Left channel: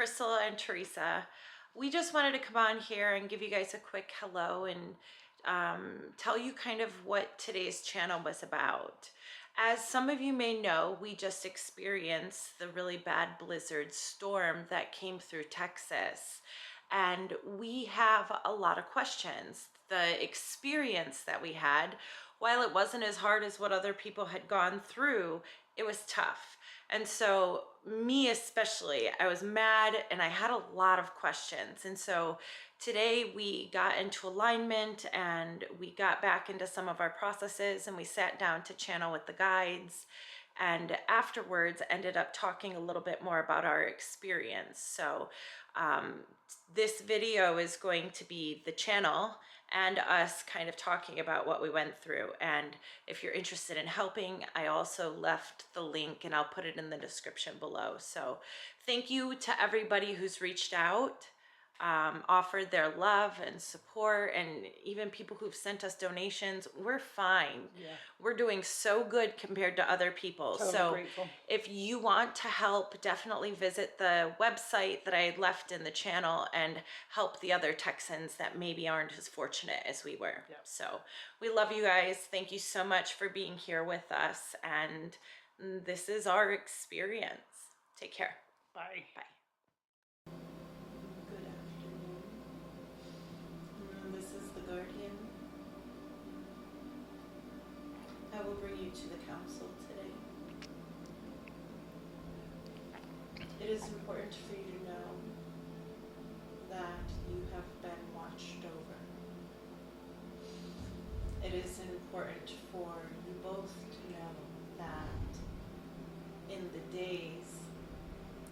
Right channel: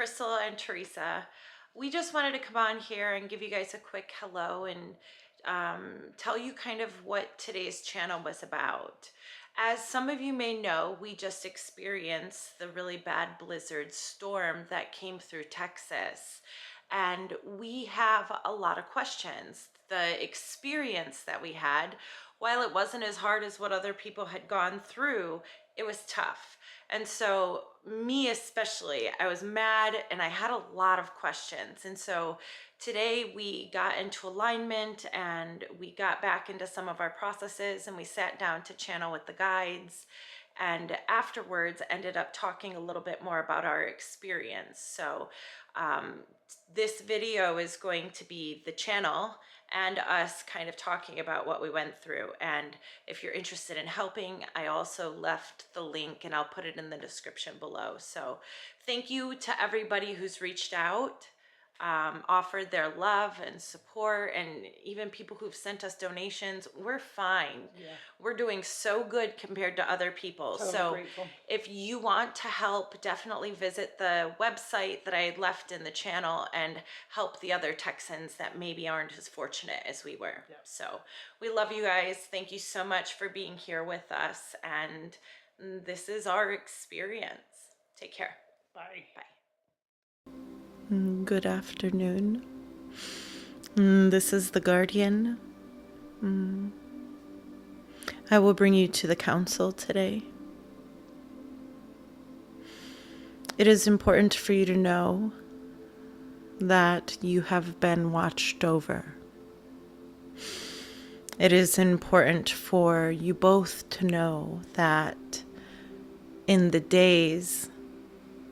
Crystal and Teresa. We just wanted to come on here and give you guys a quick hello and tell you kind of what today's channel was about. As some of you may know, we just experienced the really bad blizzard storm that came through Texas. And we have a lot of questions. The experience that we had, while it wasn't as hard as what other people had gone through, it was tough. And so, me especially, I was mad and I had a lot of questions. And so, today we got into alignment and we got back into some of our processes and we sat down to channel with the guides. And afterwards, ended up talking a little bit more about our experience. So, um, this video is going to be the channel and us kind of talking about what we went through. And if you're interested in helping, I also left the link and I'll put it in the description below. So thank you to everybody who's reached out, offered their love and support, and even people who've sent us donations. We're fine. Yeah. We're doing so good compared to other people. Totally so grateful. if you want to help, definitely visit the website that I had left in the channel and help the other Texans that maybe aren't as fortunate as we were. Yep. So we love you guys. Thank you so much for being here with us. And this is our experience. Take care. Bye. Bye. Good afternoon. This is the Guardian. I will bring you to the council today. It is important for you to know that you have been watched over. It is important for you both to know that in the days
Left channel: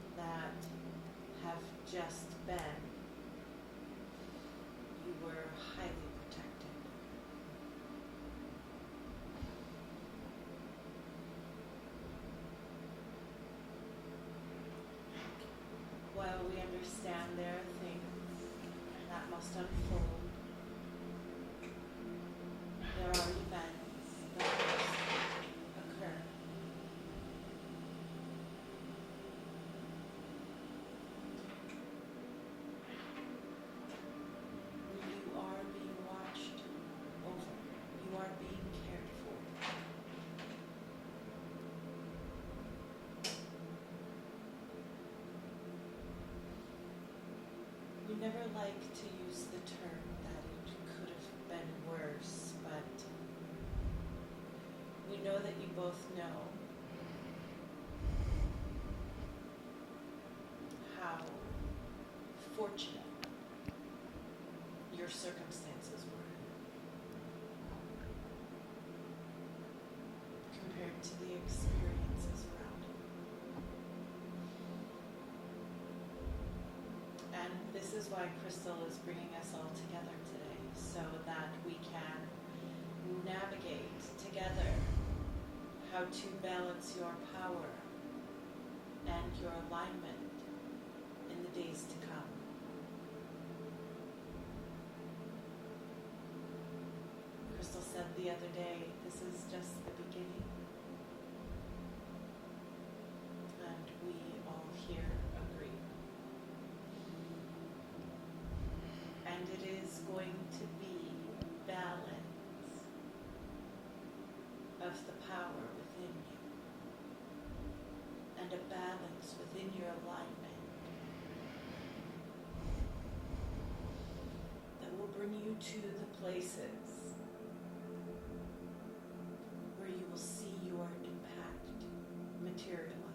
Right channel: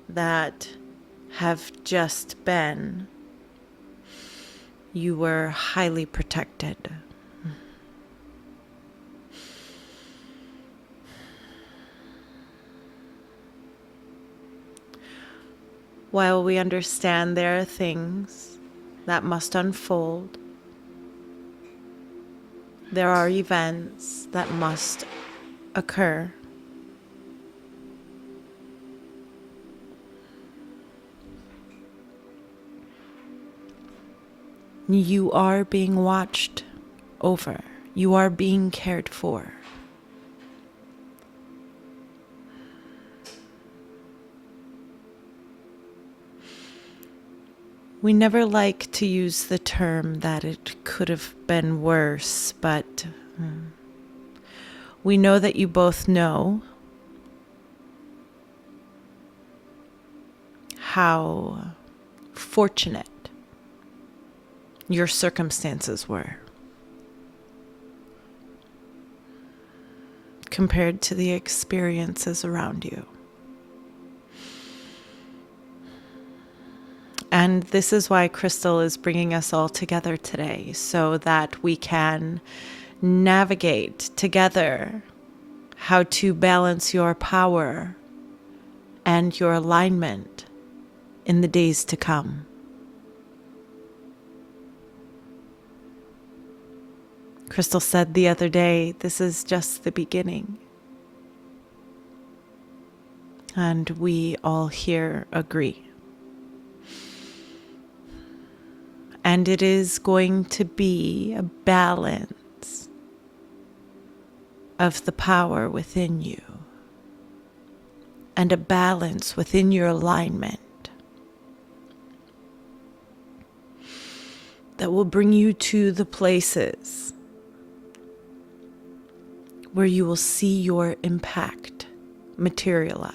that have just been, you were highly protected. While we understand there are things that must unfold, there are events that must occur. You are being watched over. You are being cared for. We never like to use the term that it could have been worse, but we know that you both know how fortunate your circumstances were compared to the experiences around you. And this is why Crystal is bringing us all together today, so that we can navigate together how to balance your power and your alignment in the days to come. Crystal said the other day, this is just the beginning. And we all here agree. And it is going to be a balance of the power within you and a balance within your alignment that will bring you to the places where you will see your impact materialize.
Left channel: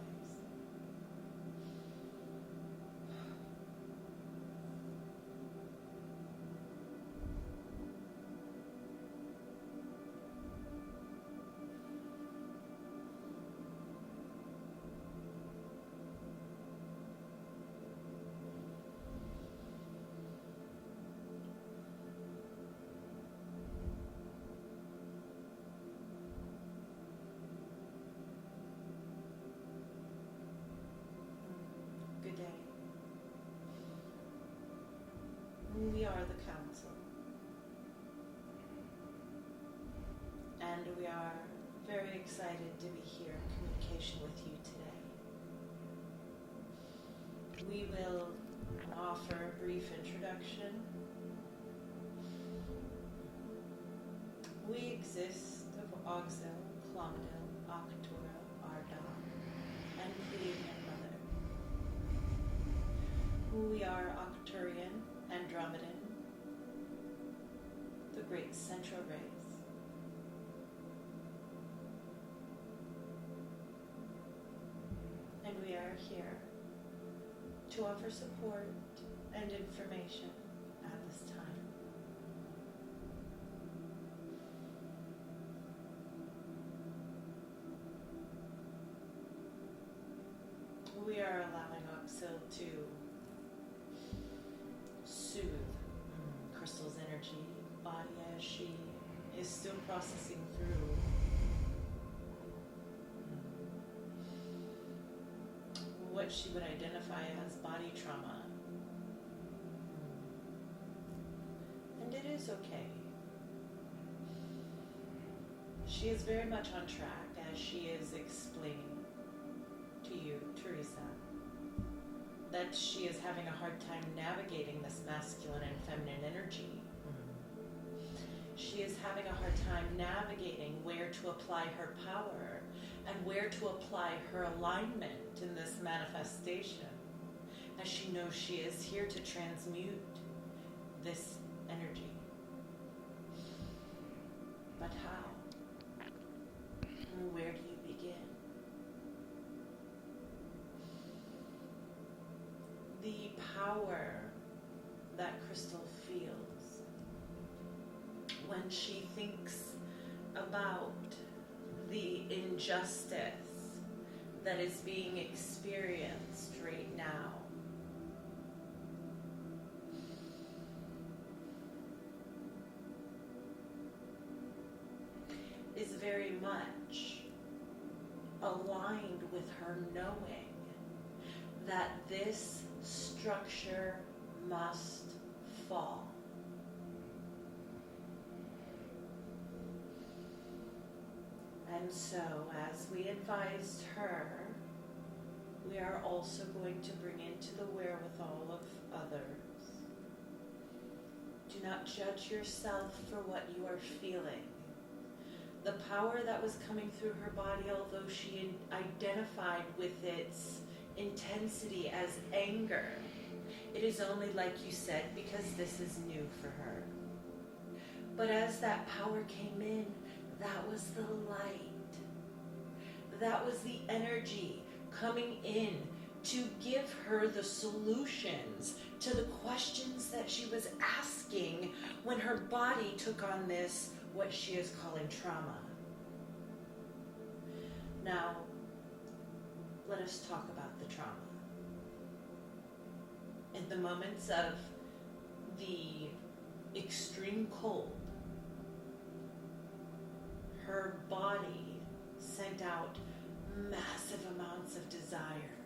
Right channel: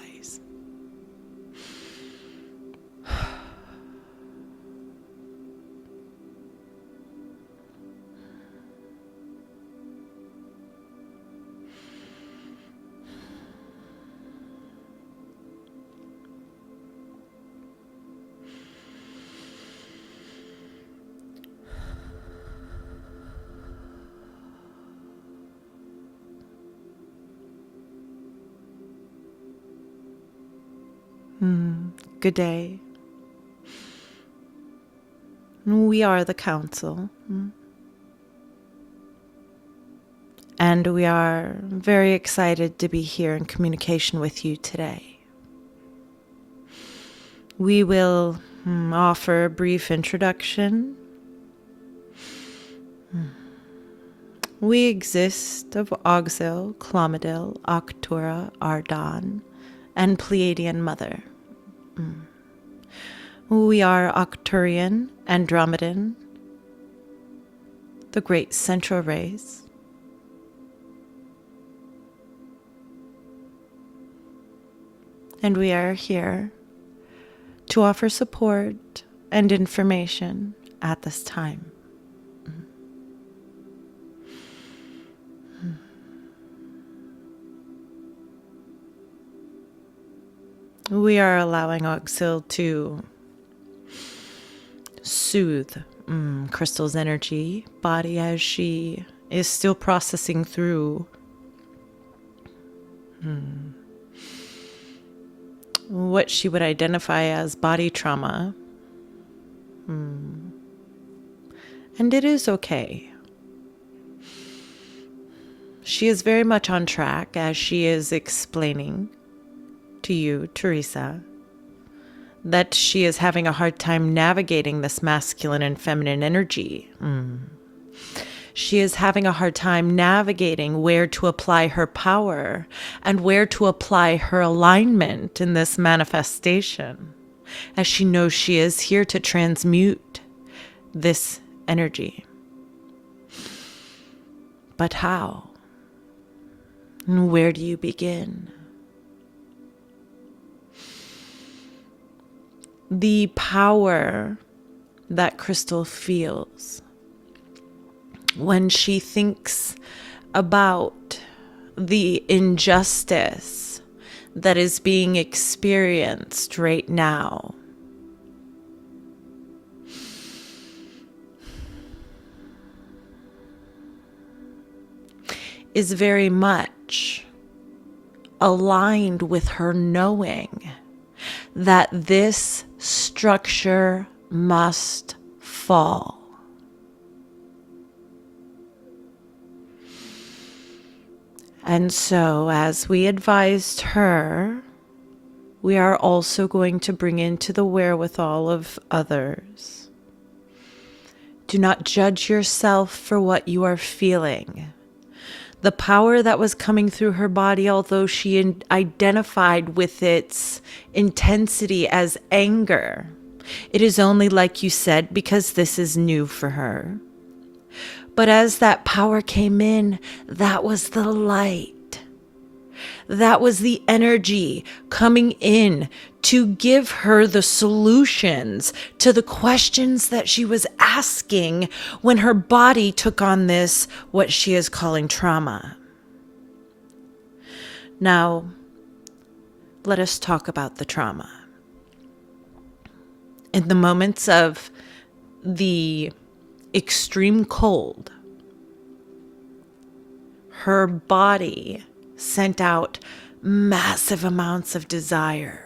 Good day. We are the council. And we are very excited to be here in communication with you today. We will offer a brief introduction. We exist of Auxil, Clomidil, Octura, Ardan, and Pleiadian Mother. We are Octurian, Andromedan, the great central rays. And we are here to offer support and information at this time. We are allowing Auxil to soothe Crystal's energy body as she is still processing through what she would identify as body trauma. And it is okay. She is very much on track as she is explaining to you, Teresa, that she is having a hard time navigating this masculine and feminine energy. She is having a hard time navigating where to apply her power and where to apply her alignment in this manifestation, as she knows she is here to transmute this energy. But how? And where do you begin? The power that Crystal feels when she thinks about the injustice that is being experienced right now is very much aligned with her knowing that this structure must fall. And so, as we advised her, we are also going to bring into the wherewithal of others. Do not judge yourself for what you are feeling. The power that was coming through her body, although she identified with its intensity as anger, it is only, like you said, because this is new for her. But as that power came in, that was the light. That was the energy coming in to give her the solutions to the questions that she was asking when her body took on this, what she is calling trauma. Now, let us talk about the trauma. In the moments of the extreme cold, her body sent out massive amounts of desire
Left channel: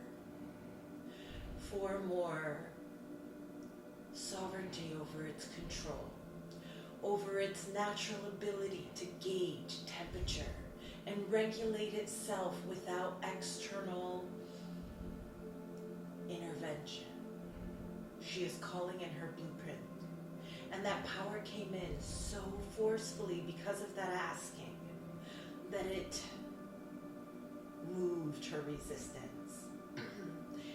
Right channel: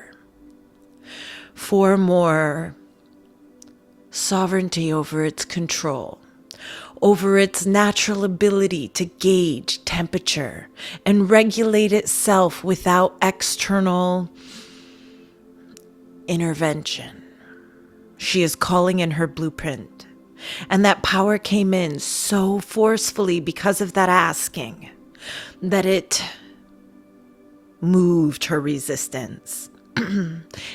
for more sovereignty over its control, over its natural ability to gauge temperature and regulate itself without external intervention. She is calling in her blueprint. And that power came in so forcefully because of that asking that it moved her resistance.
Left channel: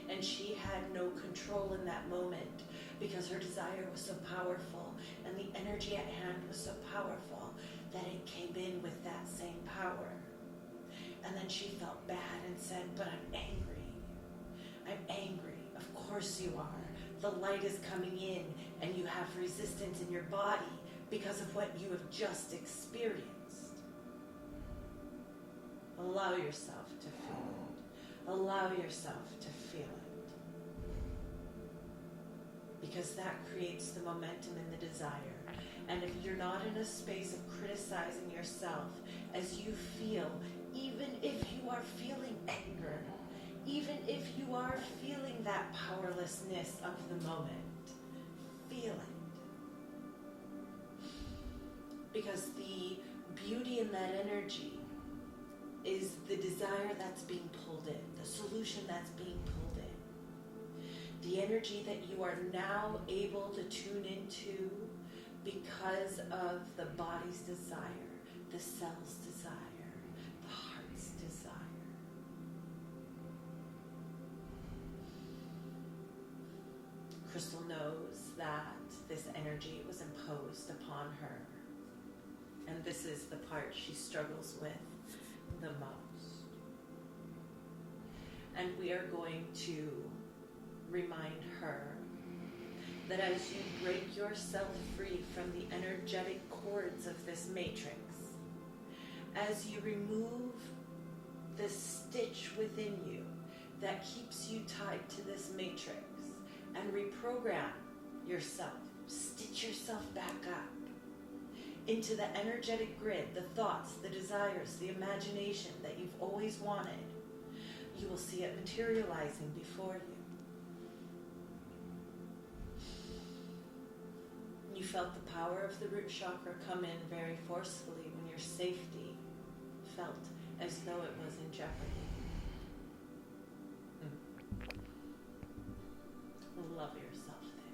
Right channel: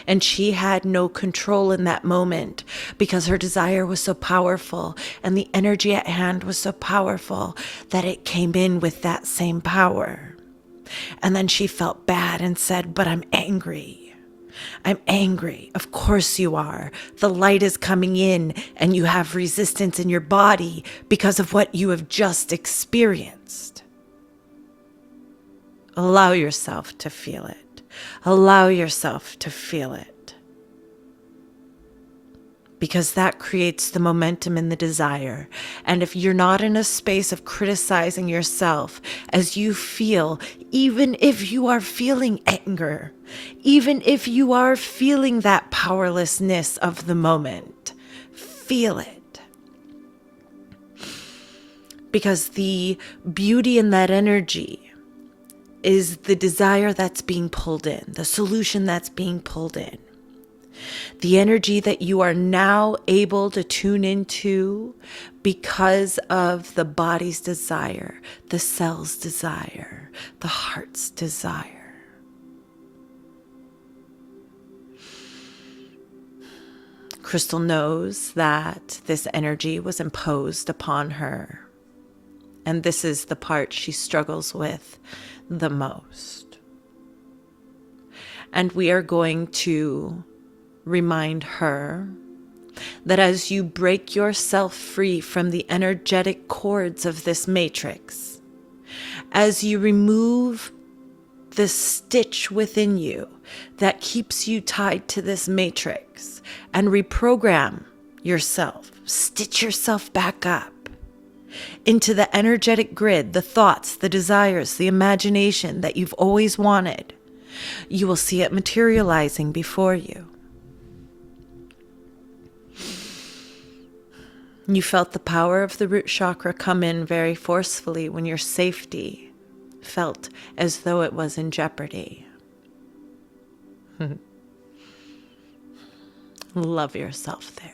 And she had no control in that moment because her desire was so powerful and the energy at hand was so powerful that it came in with that same power. And then she felt bad and said, "But I'm angry. I'm angry." Of course you are. The light is coming in and you have resistance in your body because of what you have just experienced. Allow yourself to feel it. Allow yourself to feel it. Because that creates the momentum and the desire. And if you're not in a space of criticizing yourself as you feel, even if you are feeling anger, even if you are feeling that powerlessness of the moment, feel it. Because the beauty in that energy is the desire that's being pulled in, the solution that's being pulled in. The energy that you are now able to tune into because of the body's desire, the cell's desire, the heart's desire. Crystal knows that this energy was imposed upon her, and this is the part she struggles with the most. And we are going to remind her that as you break yourself free from the energetic cords of this matrix, as you remove the stitch within you that keeps you tied to this matrix and reprogram yourself, stitch yourself back up into the energetic grid, the thoughts, the desires, the imagination that you've always wanted, you will see it materializing before you. You felt the power of the root chakra come in very forcefully when your safety felt as though it was in jeopardy. Love yourself there.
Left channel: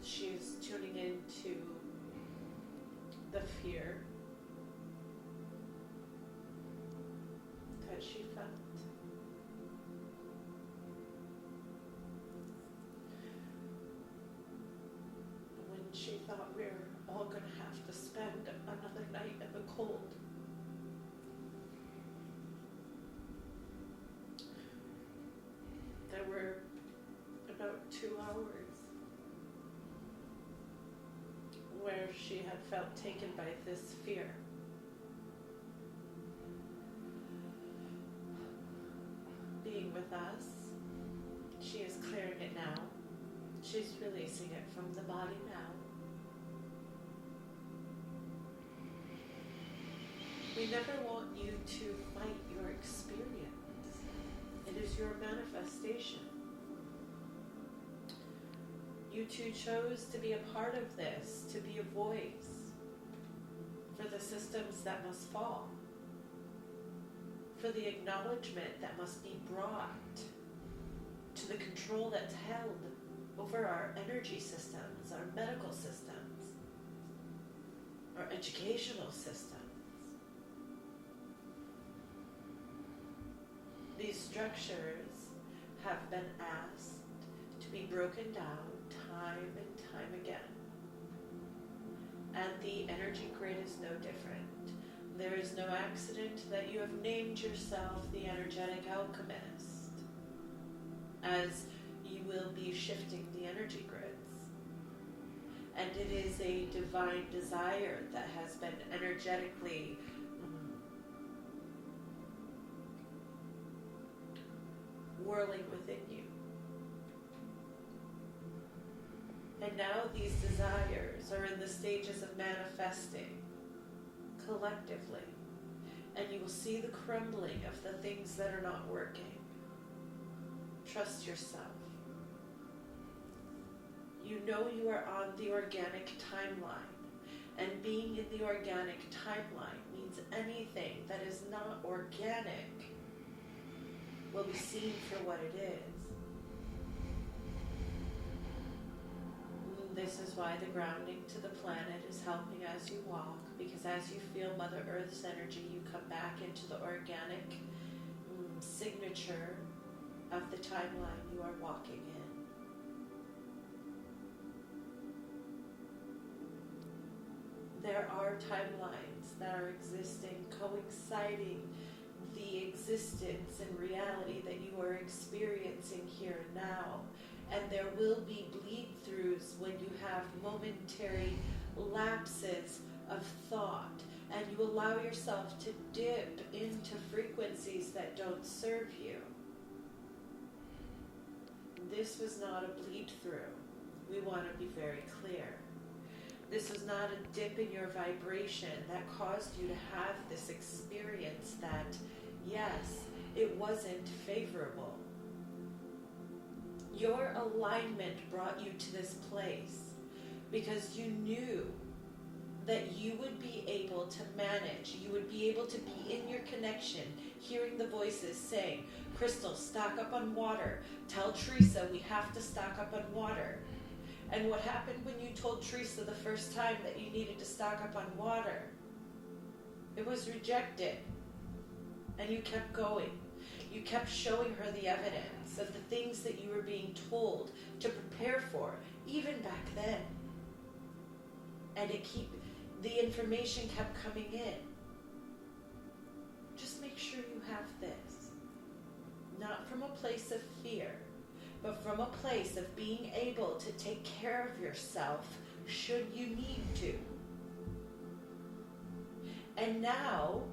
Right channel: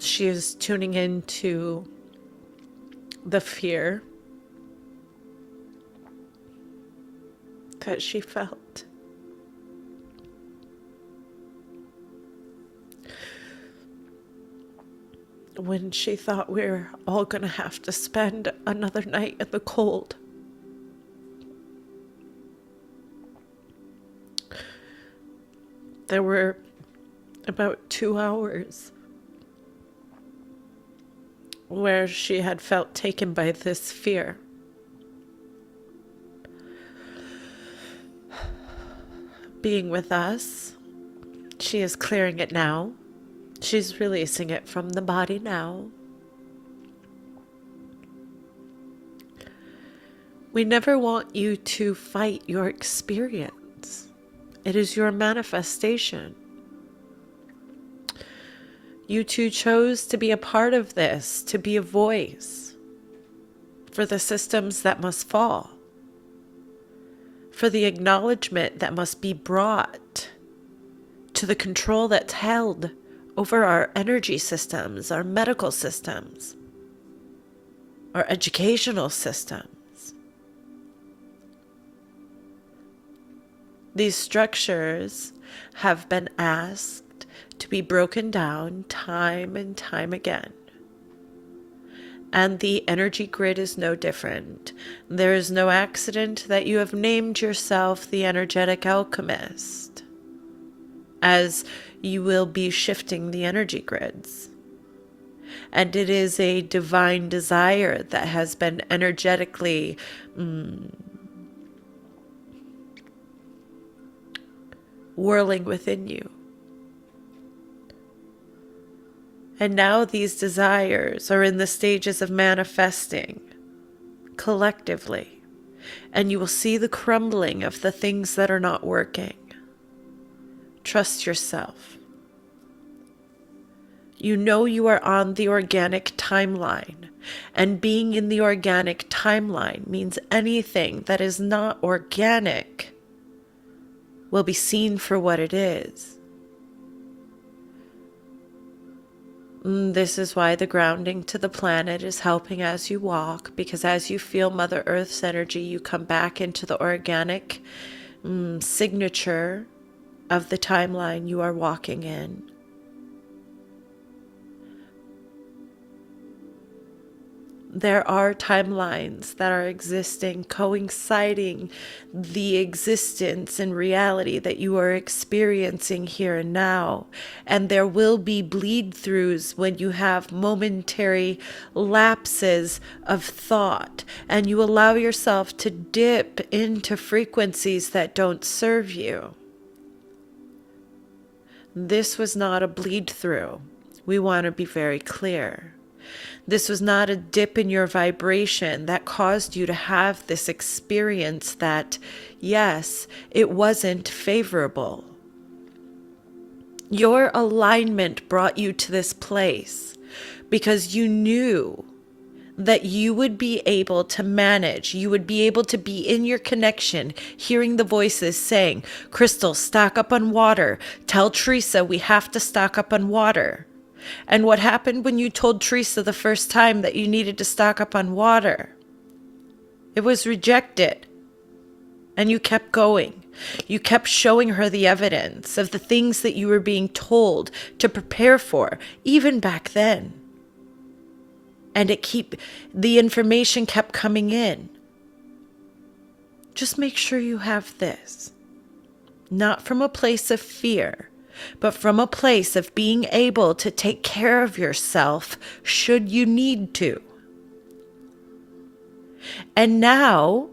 She is tuning into the fear that she felt. When she thought we were all going to have to spend another night in the cold. There were about 2 hours where she had felt taken by this fear. Being with us, she is clearing it now. She's releasing it from the body now. We never want you to fight your experience. It is your manifestation. You two chose to be a part of this, to be a voice for the systems that must fall, for the acknowledgement that must be brought to the control that's held over our energy systems, our medical systems, our educational systems. These structures have been asked to be broken down time and time again. And the energy grid is no different. There is no accident that you have named yourself the energetic alchemist, as you will be shifting the energy grids. And it is a divine desire that has been energetically whirling within you. And now these desires are in the stages of manifesting collectively. And you will see the crumbling of the things that are not working. Trust yourself. You know you are on the organic timeline. And being in the organic timeline means anything that is not organic will be seen for what it is. This is why the grounding to the planet is helping as you walk, because as you feel Mother Earth's energy, you come back into the organic signature of the timeline you are walking in. There are timelines that are existing, coinciding the existence and reality that you are experiencing here and now. And there will be bleed-throughs when you have momentary lapses of thought, and you allow yourself to dip into frequencies that don't serve you. This was not a bleed-through. We want to be very clear. This was not a dip in your vibration that caused you to have this experience that, yes, it wasn't favorable. Your alignment brought you to this place because you knew that you would be able to manage, you would be able to be in your connection, hearing the voices saying, Crystal, stock up on water. Tell Teresa we have to stock up on water. And what happened when you told Teresa the first time that you needed to stock up on water? It was rejected. And you kept going. You kept showing her the evidence of the things that you were being told to prepare for, even back then. And the information kept coming in. Just make sure you have this. Not from a place of fear, but from a place of being able to take care of yourself should you need to. And now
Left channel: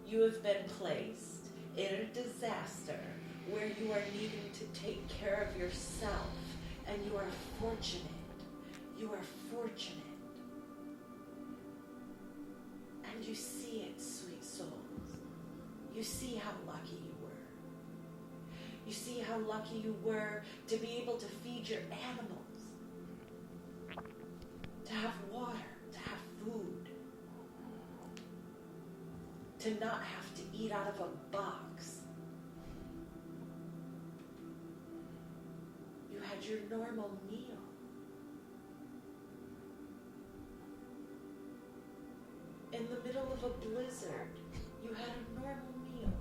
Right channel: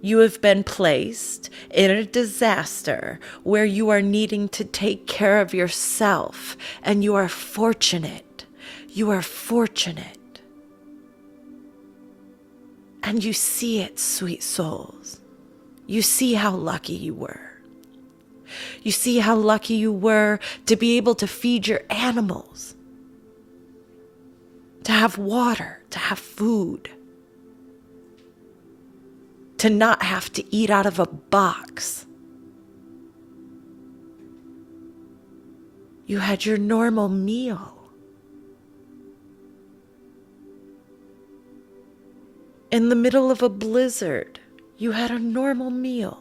you have been placed in a disaster where you are needing to take care of yourself, and you are fortunate. You are fortunate. And you see it, sweet souls. You see how lucky you were. You see how lucky you were to be able to feed your animals, to have water, to have food, to not have to eat out of a box. You had your normal meal. In the middle of a blizzard, you had a normal meal.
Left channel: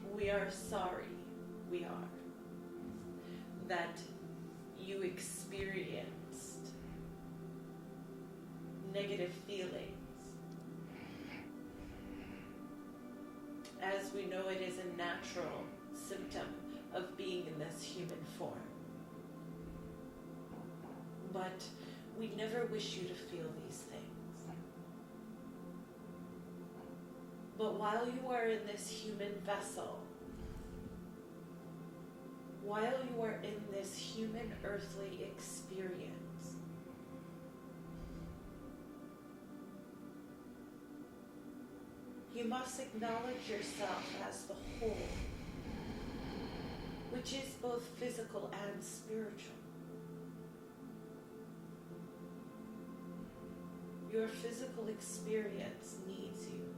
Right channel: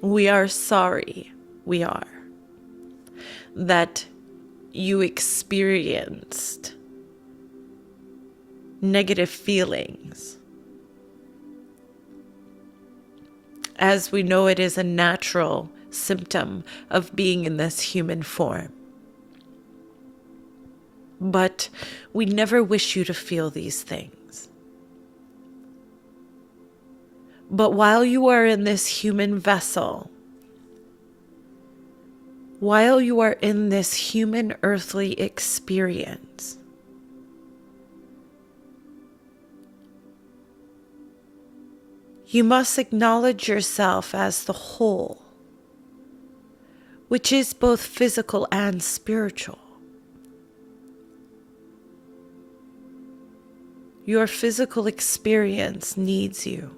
We are sorry, we are, that you experienced negative feelings. As we know, it is a natural symptom of being in this human form. But we never wish you to feel these things. But while you are in this human vessel, while you are in this human earthly experience, you must acknowledge yourself as the whole, which is both physical and spiritual. Your physical experience needs you.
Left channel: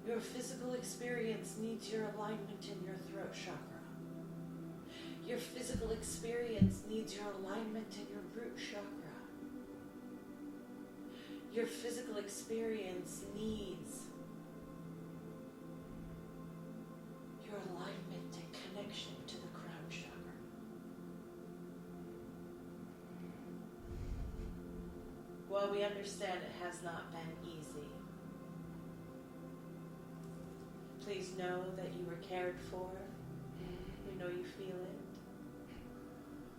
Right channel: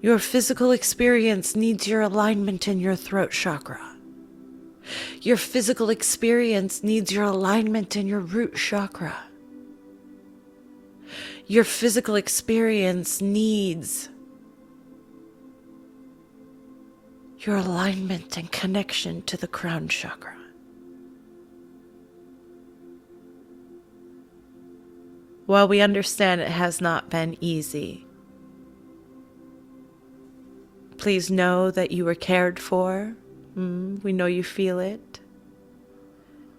Your physical experience needs your alignment in your throat chakra. Your physical experience needs your alignment in your root chakra. Your physical experience needs your alignment and connection to the crown chakra. While we understand it has not been easy, please know that you were cared for. We know you feel it.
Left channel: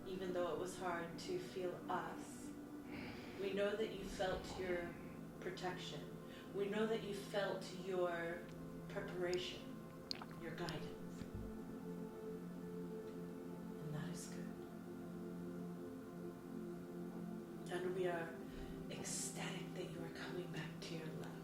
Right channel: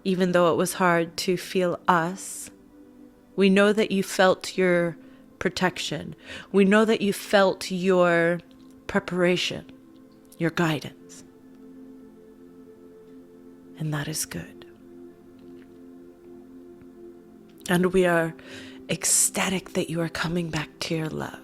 Even though it was hard to feel us, we know that you felt your protection. We know that you felt your preparation, your guidance. And that is good. And we are ecstatic that you are coming back to your love.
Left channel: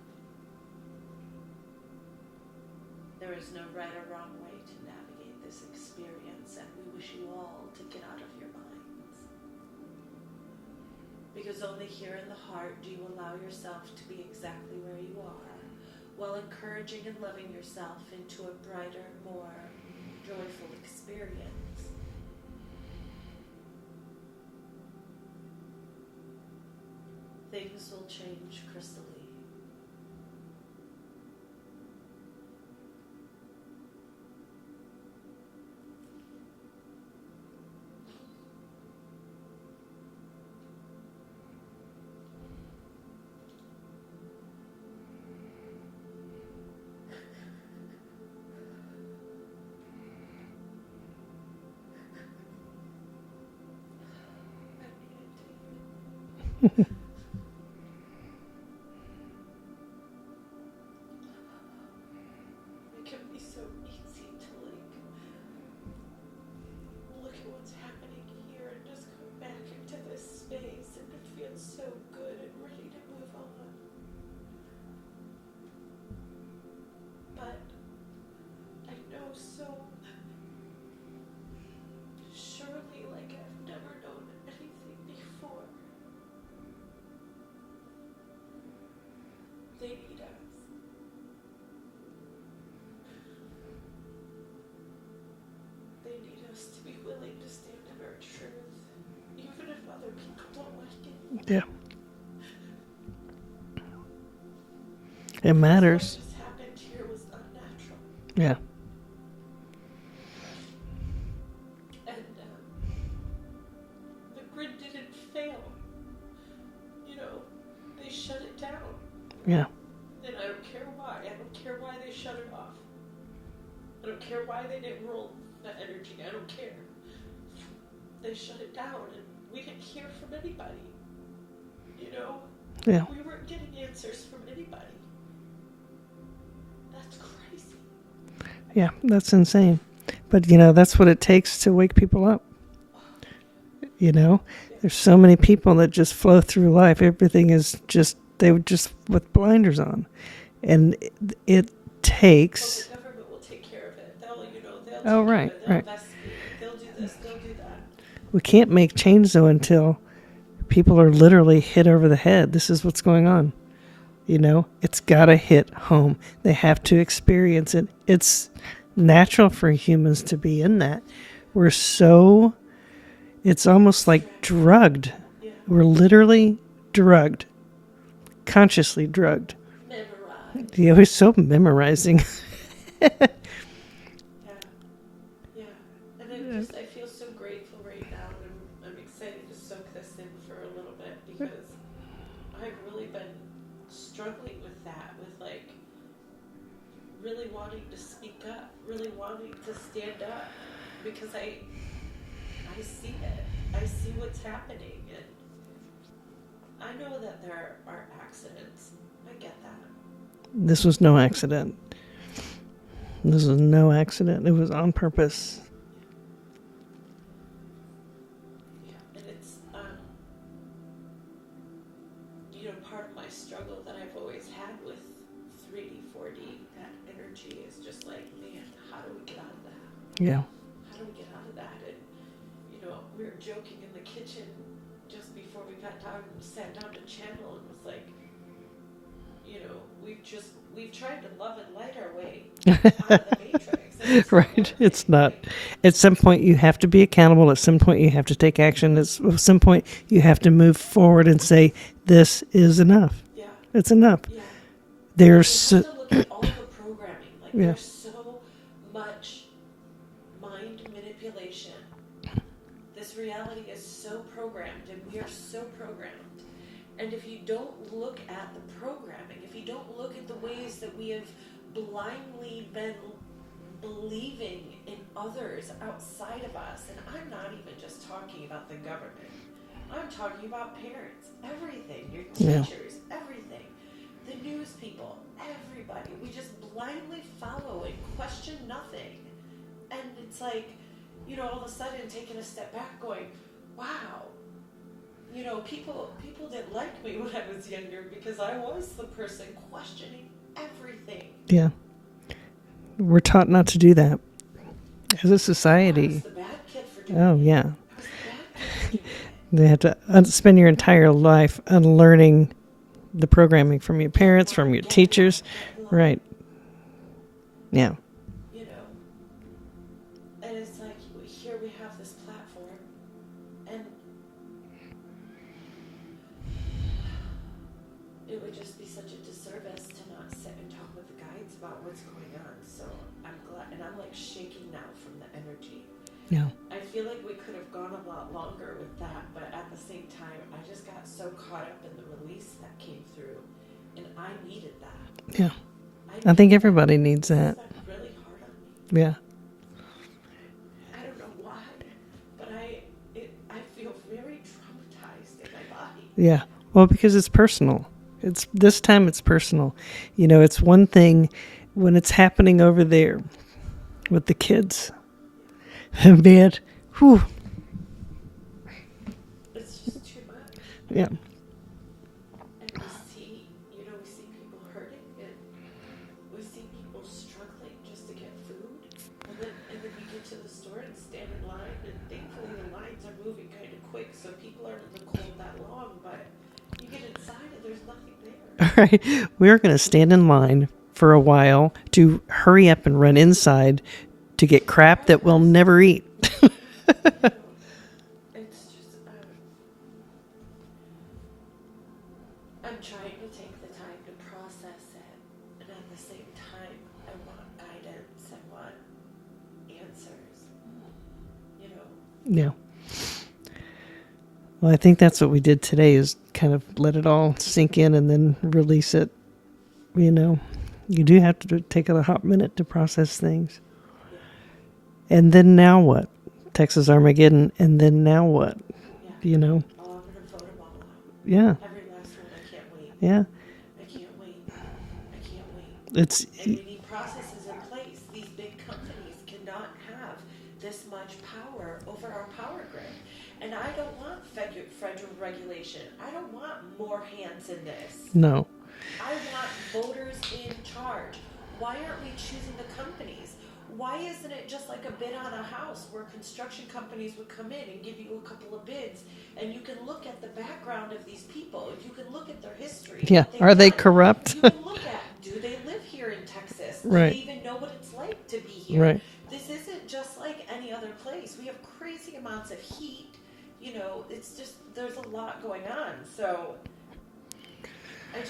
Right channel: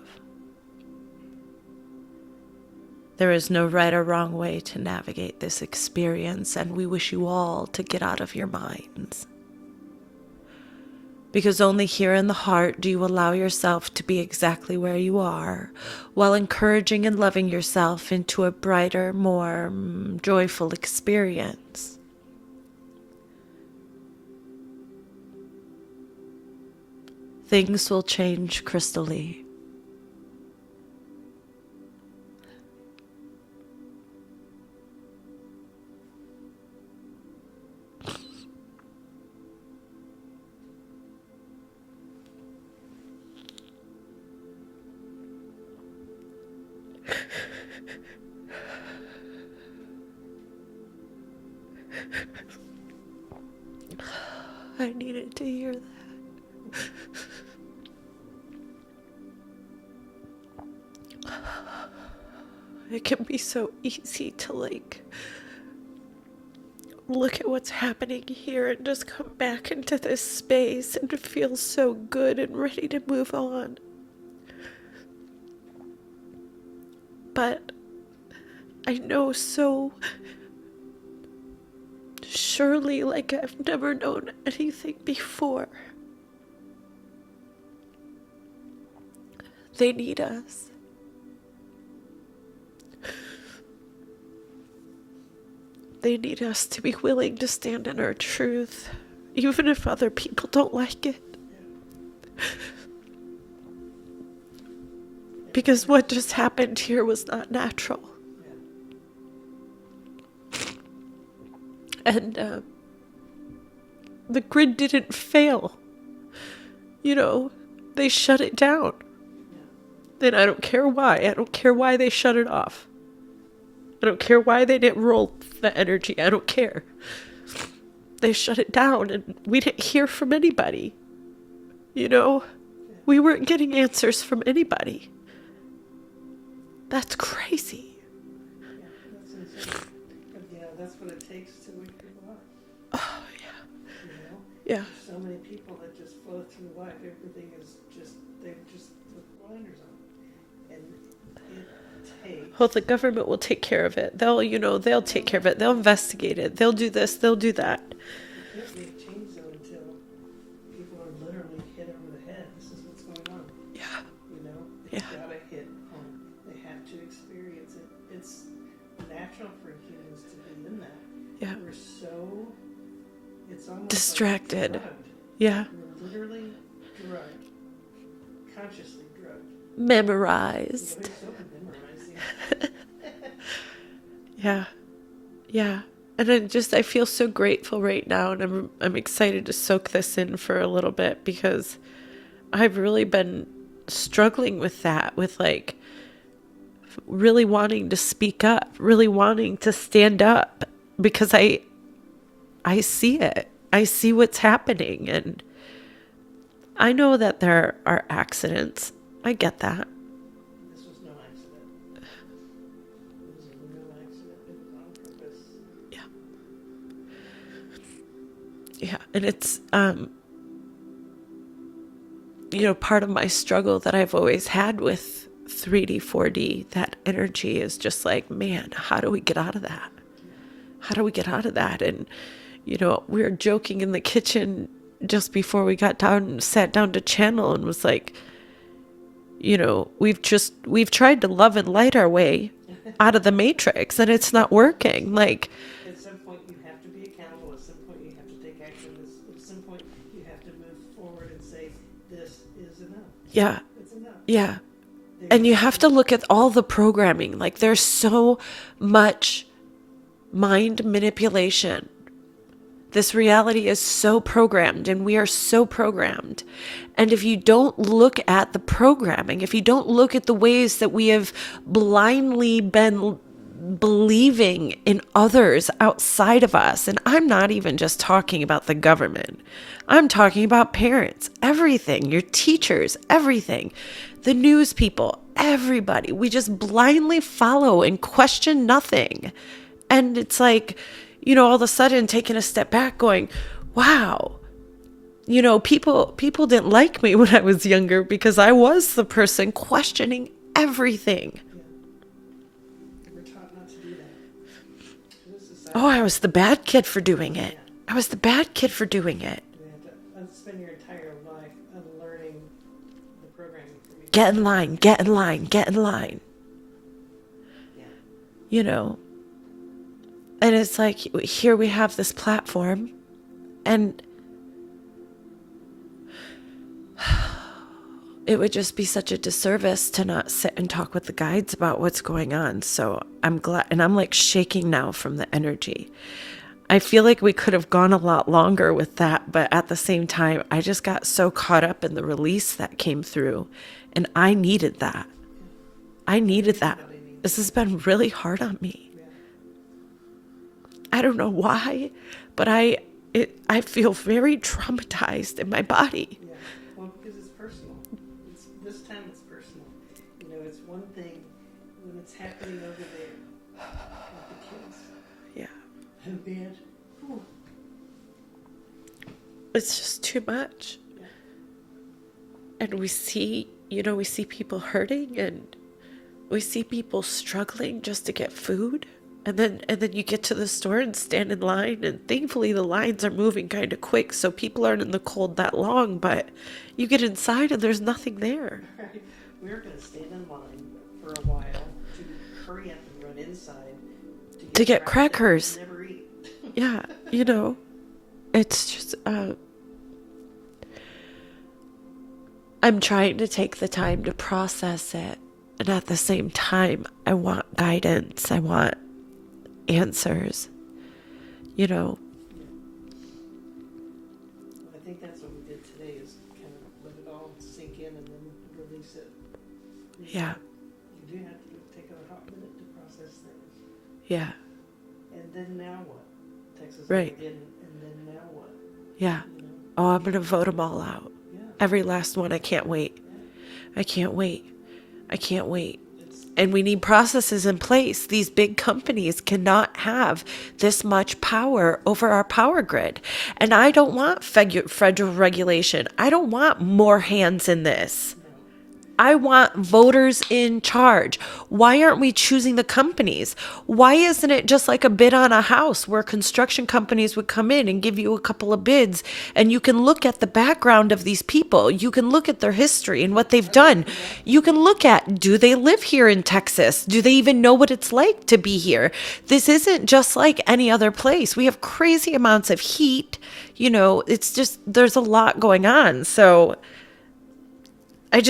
There is no right or wrong way to navigate this experience, and we wish you all to get out of your minds. Because only here in the heart do you allow yourself to be exactly where you are, while encouraging and loving yourself into a brighter, more joyful experience. Things will change crystally. I needed to hear that. It can be so easy to look at what's happening here and just come back into this space and feel so good and ready to move on. But I know so surely, like I've never known anything before, they need us. They need us to be willing to stand in our truth, even if other people don't like it. Yeah. It because matters. what just happened here was not natural. Yeah. And the grid didn't fail. You know, they shut it down. Yeah. And I don't care why. I don't care why they shut it off. I don't care why they didn't roll the energy. I don't care. They shut it down and we didn't hear from anybody. You know? Yeah. We weren't getting answers from anybody. That's crazy. Yeah, that's insane. But, you know, that's what it takes to wake people up. Oh, yeah. You know? Yeah. There's so many people that just flow through life. Everything is just, they were just with blinders on. And it takes... Well, the government will take care of it. They'll, you know, they'll take care of it. They'll investigate it. They'll do this. They'll do that. We can't make change, though, until people are literally hit over the head. This is what's going on. Yeah. You know? It's got to hit home. They have to experience it. It's natural for humans to be in that. Yeah. We're so... It's almost distracted. Like drugged. Yeah. We're literally drugged. Consciously drugged. Memorized. Yeah, we're so memorizing. Yeah. Yeah. And I feel so grateful right now, and I'm excited to soak this in for a little bit, because I've really been struggling with that, with like really wanting to speak up, really wanting to stand up, because I see it. I see what's happening, and I know that there are accidents. I get that. This was no accident. This was no accident. It was on purpose. Yeah. Yeah, and it's you know, part of my struggle that I've always had with 3D, 4D, that energy is just like, man, how do we get out of that? Yeah. How do we get out of that? And, you know, we were joking in the kitchen just before we got down and sat down to channel, and was like, you know, we've tried to love and light our way out of the matrix, and it's not working. It's not. Like, at some point you have to be accountable. At some point you have to take action. At some point you have to move forward and say, this is enough. Yeah. It's enough. Yeah. And you have to look at all the programming. Like, there's so much mind manipulation. This reality is so programmed, and we are so programmed. And if you don't look at the programming, if you don't look at the ways that we have blindly been believing in others outside of us, and I'm not even just talking about the government, I'm talking about parents, everything, your teachers, everything, the news people, everybody. We just blindly follow and question nothing. And it's like, you know, all of a sudden taking a step back going, wow, you know, people didn't like me when I was younger because I was the person questioning everything. Yeah. We're taught not to do that as a society. Oh, I was the bad kid for doing it. Yeah. I was the bad kid for doing it. You have to spend your entire life unlearning the programming from your parents, from your teachers. Get in line. Right. Yeah. You know, and it's like, here we have this platform, and it would just be such a disservice to not sit and talk with the guides about what's going on. So I'm glad, and I'm like shaking now from the energy. Yeah. I feel like we could have gone a lot longer with that, but at the same time, I just got so caught up in the release that came through, and I needed that. Yeah. I think everybody needs that. This has been really hard on me. Yeah. I don't know why, but I feel very traumatized in my body. Yeah. Well, because it's personal. This time it's personal. You know, it's one thing when it's happening over there with the kids. Yeah. Man, Whew. It's just too much. Yeah. And we see people hurting, and we see people struggling just to get food. And then you get to the store and stand in line, and thankfully the lines are moving kind of quick, so people aren't in the cold that long, but you get inside and there's nothing there. All right. We're going to stand in line for a while to hurry up and run inside to get crap that we'll crackers. never eat. Yeah, it's just, I'm trying to take the time to process it. And at the same time, I want guidance. I want answers, Yeah. Well, I think that's what we did today, is kind of let it all sink in and then release it. You do have to take a hot minute to process things. Yeah. And then now what? Texas Right. Armageddon. And then now what? Yeah. Oh, I'm going to vote them all out. Yeah. Every last one. I can't wait. Yeah. I can't wait. It's And we need processes in place. These big companies cannot have this much power over our power grid. And I don't want federal regulation. I don't want more hands in this. no. I want voters in charge. Why aren't we choosing the companies? Why isn't it just like a bid on a house where construction companies would come in and give you a couple of bids, and you can look at the background of these people. You can look at their history and what they've Are done. they corrupt? You can look at, do they live here in Texas? Do they Right. even know what it's like to be here? Right. This isn't just like any other place. We have crazy amounts of heat. It's just, there's a lot going on. So I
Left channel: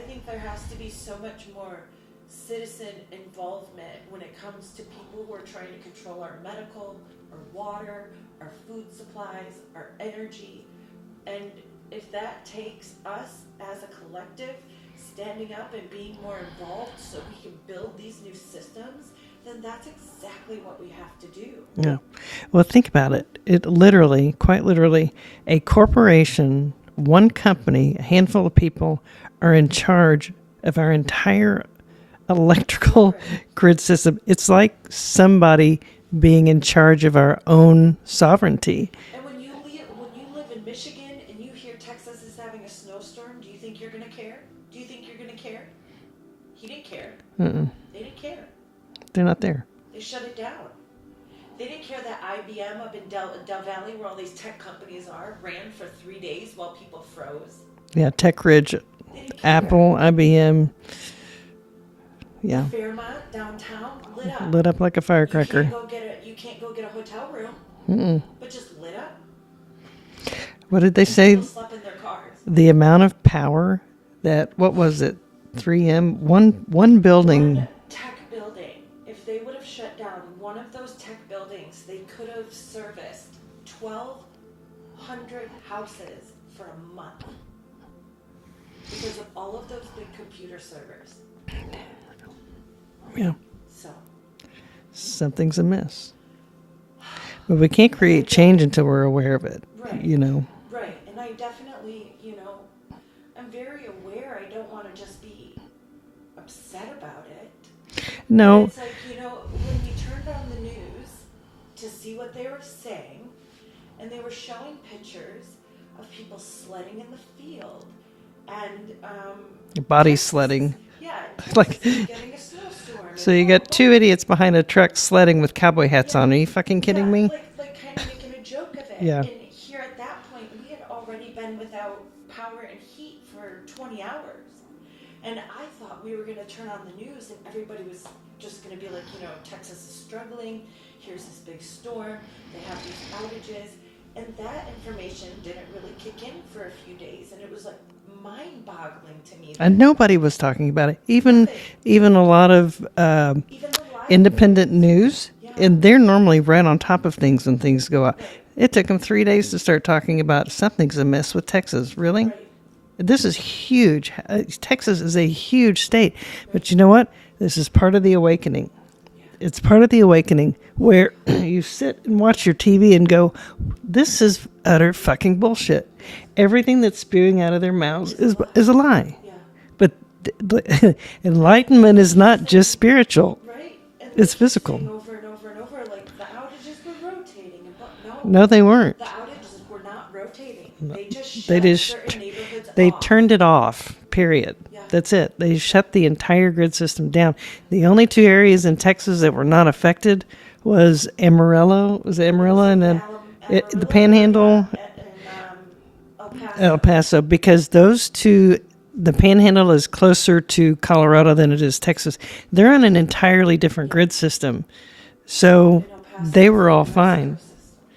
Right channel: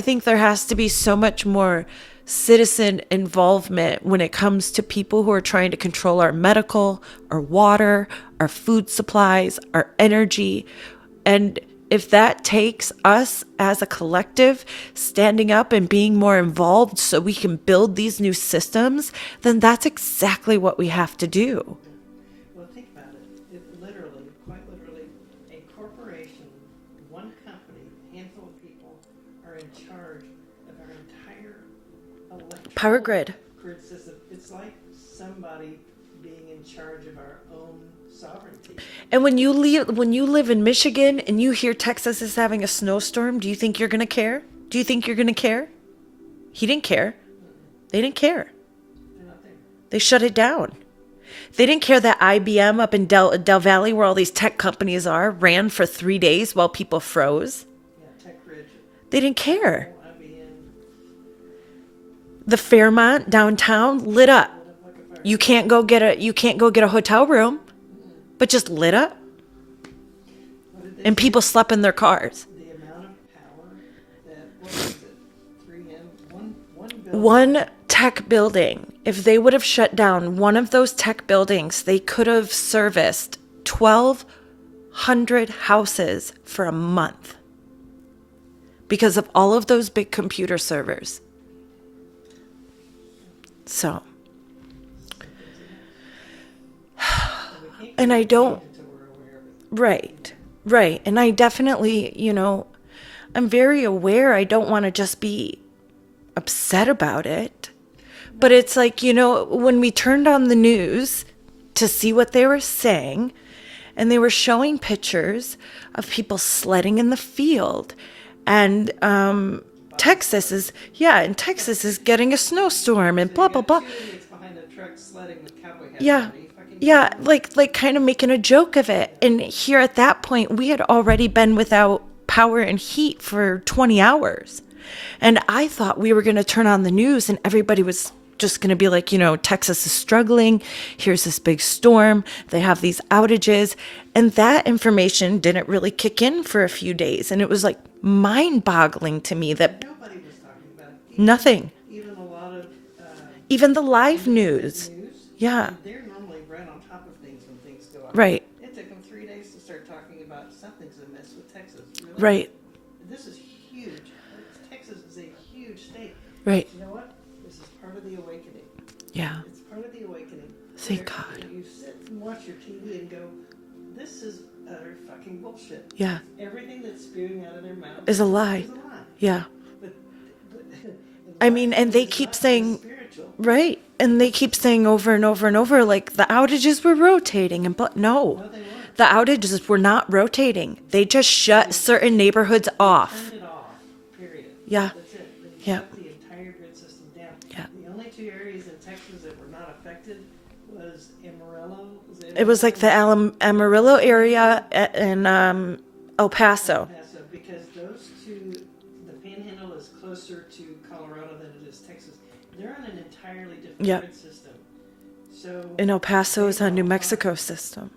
think there has to be so much more citizen involvement when it comes to people who are trying to control our medical, our water, our food supplies, our energy. And if that takes us as a collective standing up and being more involved so we can build these new systems, then that's exactly what we have to do. Yeah. Well, think about it. It literally, quite literally, a corporation, one company, a handful of people are in charge of our entire electrical Power grid system. It's like somebody being in charge of our own sovereignty. And when you live in Michigan and you hear Texas is having a snowstorm, do you think you're going to care? Do you think you're going to care? He didn't care. Mm-mm. They didn't care. They're not there. They shut it down. They didn't care that IBM up in Del Valley, where all these tech companies are, ran for 3 days while people froze. Yeah, Tech Ridge, They didn't care. Apple, IBM. The Fairmont downtown lit up. Lit up like a firecracker. You can't go get a hotel room, but just lit up. What did they And say? people slept in their cars. The amount of power that, what was it? 3M, one building. One tech building. If they would have shut down one of those tech buildings, they could have serviced 1,200 houses for a month because of all of those big computer servers. Yeah, So, something's amiss. But we can't And I create don't- change until we're aware of it. right. Right. And I definitely, I'm very aware. I don't want to just be upset about it. No, But it's like, when we turned on the news to see what they were saying, and they were showing pictures of people sledding in the field. And body Texas sledding. is getting a snowstorm, and So you blah, got blah, blah. two idiots behind a truck sledding with cowboy hats Yeah. on. Are you fucking kidding me? like kind of making a joke of it. Yeah. And here at that point, we had already been without power and heat for 20 hours. And I thought we were going to turn on the news and everybody was just going to be like, Texas is struggling. Here's this big storm. They have these outages. And that information didn't really kick in for a few days. And it was like mind-boggling to me that And nobody was talking about it. Nothing. Even a lot of even the live independent news. Yeah. And they're normally right on top of things when things go up. Right. It took them 3 days to start talking about something's amiss with Texas. Really? Right. This is huge. Texas is a huge state. Right. But you know what? This is part of the awakening. Yeah. It's part of the awakening where you sit and watch your TV and go, this is utter fucking bullshit. Yeah. Everything that's spewing out of their mouths Is a lie. is a lie. Yeah. But Enlightenment they is keep not saying- just spiritual. Right. And they It's keep physical. saying over and over and over, like, the outages were rotating. But No, they weren't. the outages were not rotating. They just shut just- certain neighborhoods They off. turned it off, period. Yeah. That's it. They shut the entire grid system down. The only two areas in Texas that were not affected was Amarillo. Was it Amarillo? It was like and the the Amarillo Panhandle? area and El Paso. El Paso, because those two, the Panhandle is closer to Colorado than it is Texas. They're on an entirely different Yeah. grid system. So And El Paso they is were a all New Mexico fine. system.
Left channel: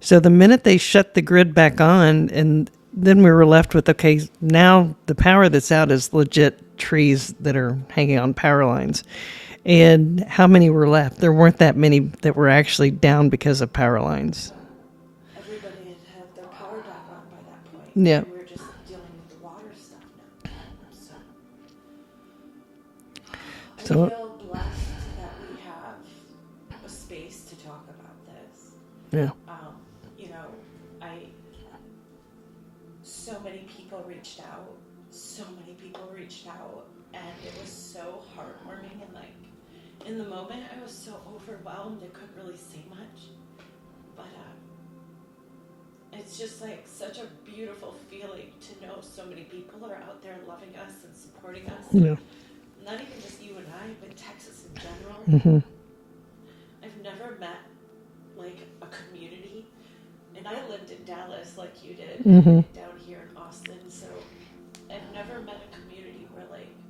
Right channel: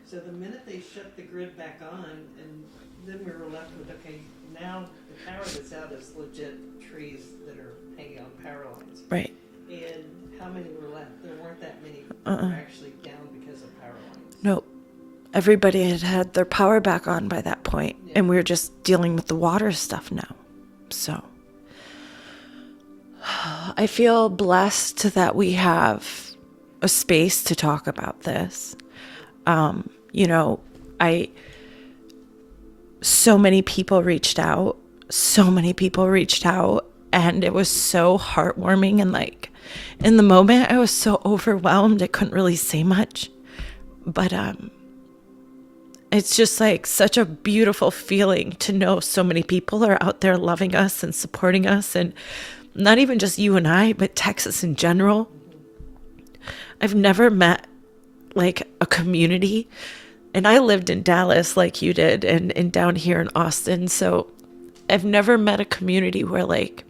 So the minute they shut the grid back on, and then we were left with, okay, now the power that's out is legit trees that are hanging on power lines. Right. And how many were left? There weren't that many that were actually down because of power lines. No. Everybody had their power back on by that point. Yeah. And we were just dealing with the water stuff now. So I feel blessed that we have a space to talk about this. Yeah. You know, so many people reached out. And it was so heartwarming. And like in the moment, I was so overwhelmed. I couldn't really say much. But it's just like such a beautiful feeling to know so many people are out there loving us and supporting us. And not even just you and I, but Texas in general. Mm-hmm. I've never met like a community, and I lived in Dallas like you did, and down here in Austin. So I've never met a community where like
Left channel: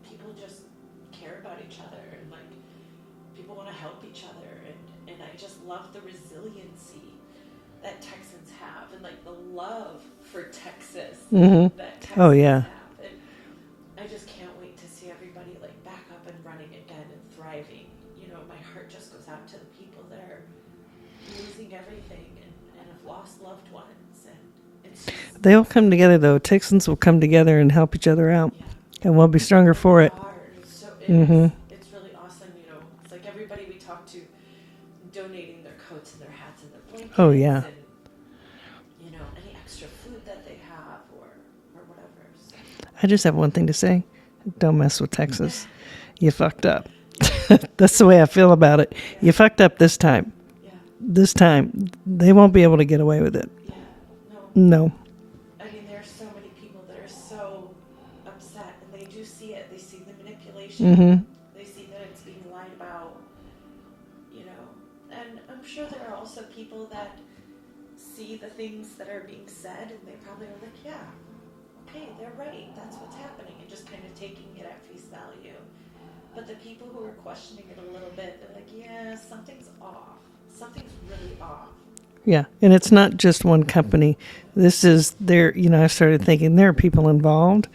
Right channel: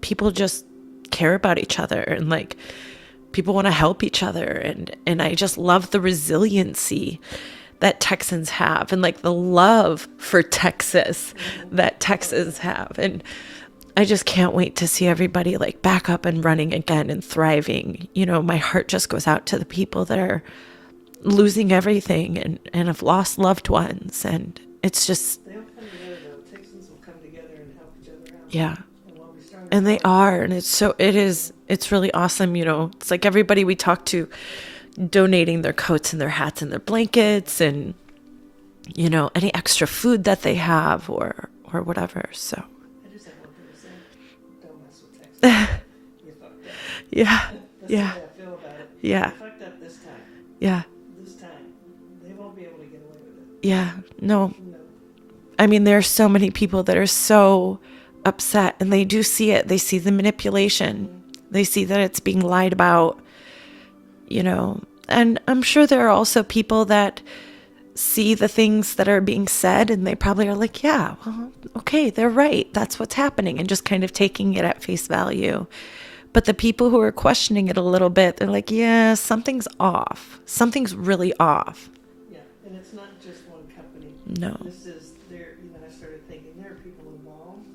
people just care about each other and like people want to help each other. And I just love the resiliency that Texans have, and like the love for Texas that Texans have. And I just can't wait to see everybody like back up and running again and thriving. You know, my heart just goes out to the people that are losing everything and have lost loved ones. And it's just, They'll come together, though. Texans will come together and help each other out. yeah. And we'll be stronger And for they it. are. And it's so, it is, it's really awesome. You know, it's like everybody we talk to donating their coats and their hats and their blankets and, you know, any extra food that they have or whatever. So, I just have one thing to say. Don't mess with Texas. You fucked up. yeah. That's the way I feel about it. Yeah. You fucked up this time. Yeah. This time. They won't be able to get away with it. Yeah. No. No. I mean, there are so many people that are so upset, and they do see it. They see the manipulation. They see that it's being lied about, you know. And I'm sure there are also people that see the things that are being said, and they probably are like, yeah, well, okay, they're right. That's what's happening, and just kind of taking it at face value. But the people who are questioning it a little bit, they're like, yeah, something's off. Something's really off. Yeah. And it's not just one company. No. This is there. You know, I started thinking there are people involved,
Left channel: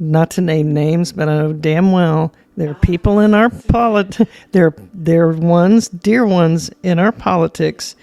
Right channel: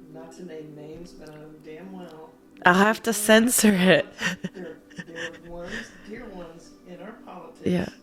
not to name names, but I know damn well there I'll are have to people in our censor it. politics. There are ones, dear ones in our politics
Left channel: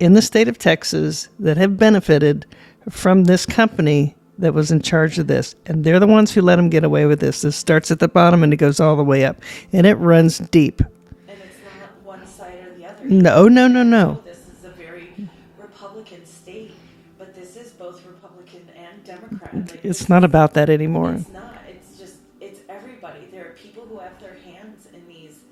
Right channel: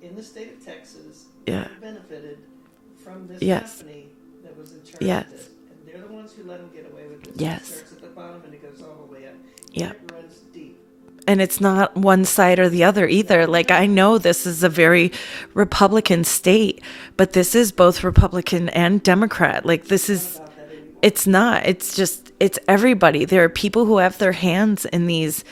in the state of Texas that have benefited from this Yes. company that was in charge Yes. of this. And they're the ones who let them get away with this. It Yes. starts at the bottom and it goes all the way up. And it runs deep. And it's not one side or the other either. No, like, no, I no. know this is a very Republican state, but this is both Republican and Democrat. Like, this It's not is about that anymore. It's not. It's just, it's everybody. There are people who have their hands in these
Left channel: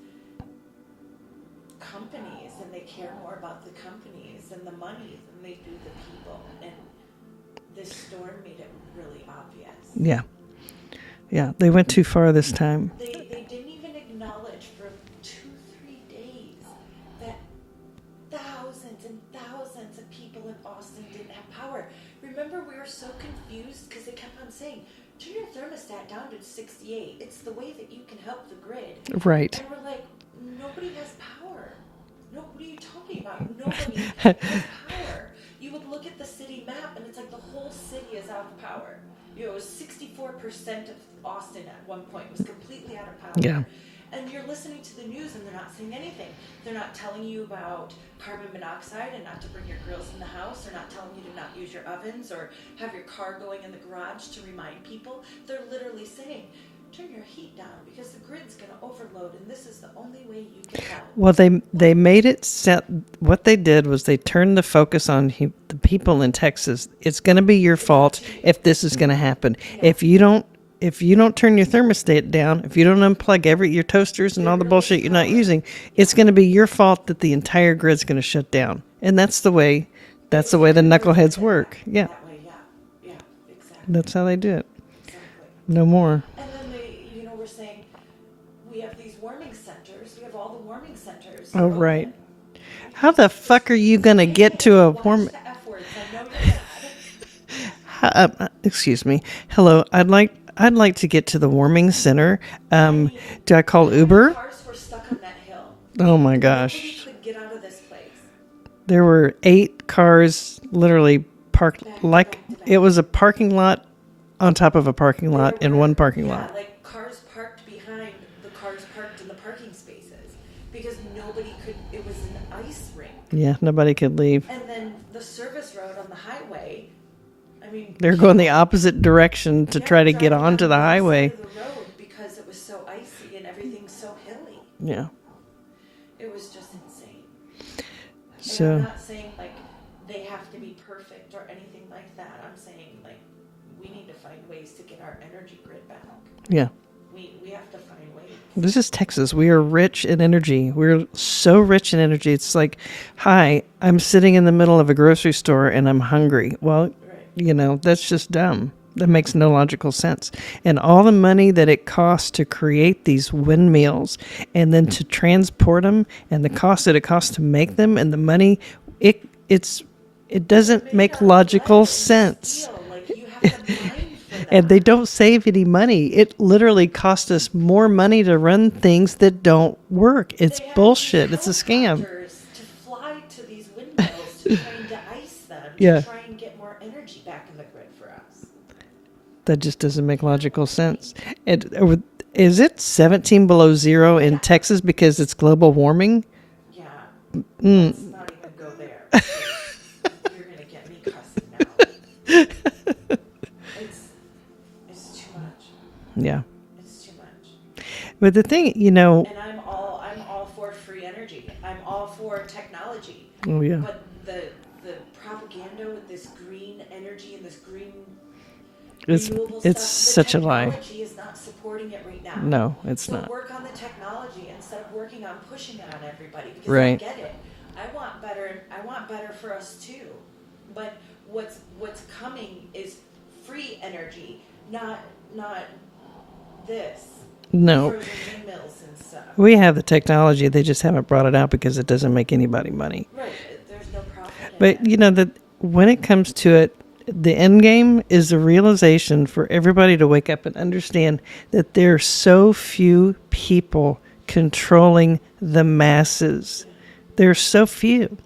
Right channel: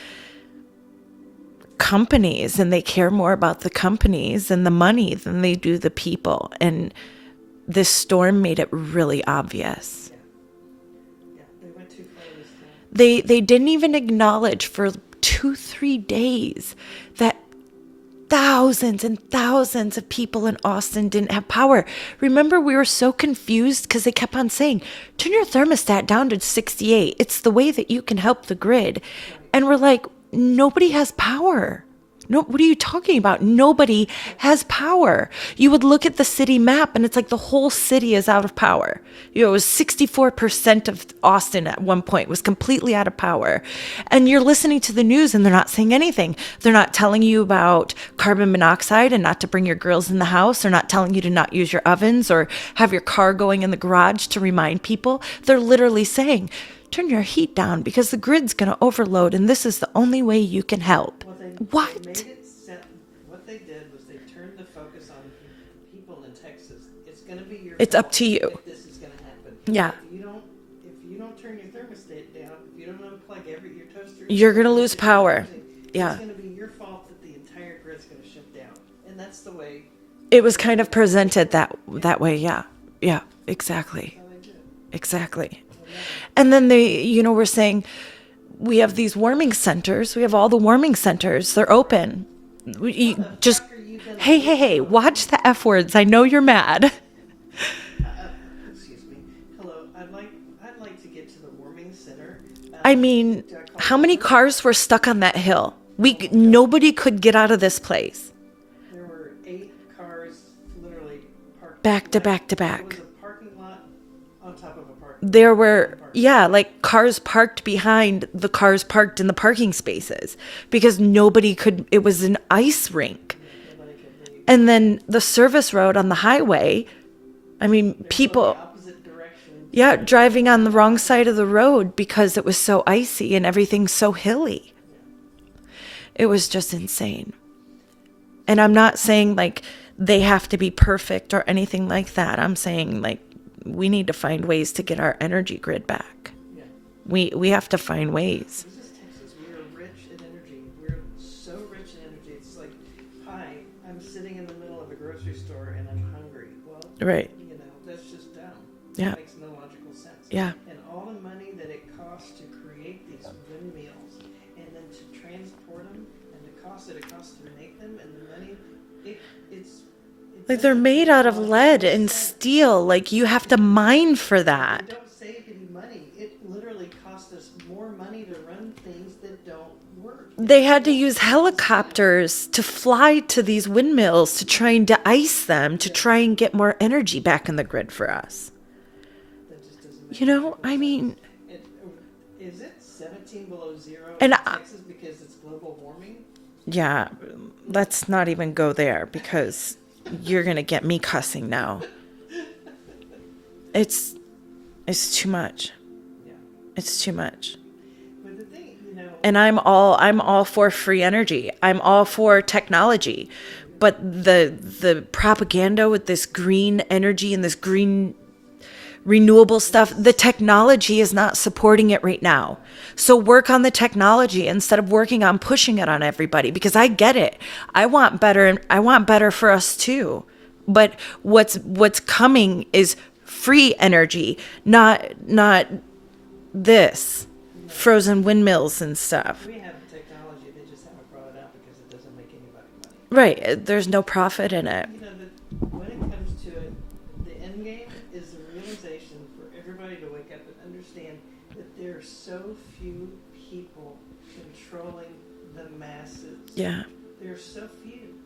companies, and they care more about the companies and the money than they do the people. And this storm made it really obvious. Yeah. Yeah. They went too far this time. They didn't even acknowledge for 2-3 days that thousands and thousands of people in Austin didn't have power. Remember, we were so confused because they kept on saying, turn your thermostat down to 68. It's the way that you can help the grid. Right. And we're like, nobody has power. No, what are you talking about? Nobody has power. You would look at the city map and it's like the whole city is out of power. You know, it was 64% of Austin at one point was completely out of power. And you're listening to the news and they're not saying anything. They're not telling you about carbon monoxide and not to bring your grills in the house. They're not telling you to not use your ovens or have your car going in the garage to remind people. They're literally saying, turn your heat down because the grid's going to overload and this is the only way you can help. Well, they What? made it set. What they did was they turned the focus on the people in Texas. It's going to be your It's fault up to you. if this is going to happen. Yeah. If you don't if you don't turn your thermostat down, if you don't unplug your toasters and You're all the gonna lose bullshit you're not power. using, Yeah. it's going to be your fault that the entire grid's going to shut down. And that's the way. It That's was the way kind the of knuckleheads presented work. that way. Yeah. Yeah. Exactly. That's how they do it. Exactly. No more. And then we're saying we have these warming centers. We have all the warming centers. They're Oh, right. open. How the fuck are you going to get to a watch the F words. I know you're mad. excuse me. Hello. I'd like to get to the warming center. I mean, do I call how Uber? many cars were stuck on that hill? Oh my gosh. Nobody could get out of this place. There were 8 cars literally parked Back to back to back. It was a parking lot on top of a parking There lot were in one parking yeah, lot. like cars parked behind the cars parked in the parking spaces because nobody could. It was an ice rink. Yeah, nobody could leave. And then the service road on the highway. I mean, They're people, going the opposite direction to try to get driving on onto the the wrong highway. side of the road because it was so icy and everything so hilly. Yeah. It was just insane. And So- I'm not saying like they have to be perfect or anything like that. I'm saying like we need to find ways to get our energy grid back. Yeah. We have to find ways. This is Texas. We are rich in energy. We're so rich in energy. It's like, hi, I'm sitting in the middle of a grocery store and I'm hungry. Well, Right. That's just dumb. That Yeah. makes no logical sense. Yeah. And all the money that it costs to create these windmills and then to transport them and the cost that it costs to make them and the money, it They're doesn't made make out logical of lead sense. and steel. Like you have to mine for that. And they don't save any money. It literally costs us more money to run things that don't work. It's They had bullshit. to use It's a scam. helicopters to fly to these windmills to try and de-ice them to Yeah. try and get more energy back in the grid for us. That just doesn't make You know, logical I sense. Is it 17 below zero in And Texas because it's global warming? Yeah, let's not even go there because you're gonna get me cussing now. It's too much. Yeah. It's too much. But the thing, And I'm all for free energy. I'm all for technology. Oh, yeah. But the propaganda with this green energy and this green renewable it's stuff, the such a lie. technology is not supporting it right now. No, it's so not. work on the technology instead of working on pushing it on everybody because I Right. get it. I want better for us too. But what's coming is free energy, not this. No. Frozen windmills and stuff. We have the technology. They just haven't brought it out because it doesn't make anybody money. Right. There's no profit in But it. that when it comes to it, the end game is the realization for everybody to wake up and understand that there are so few people controlling the masses. Yeah. There are so few.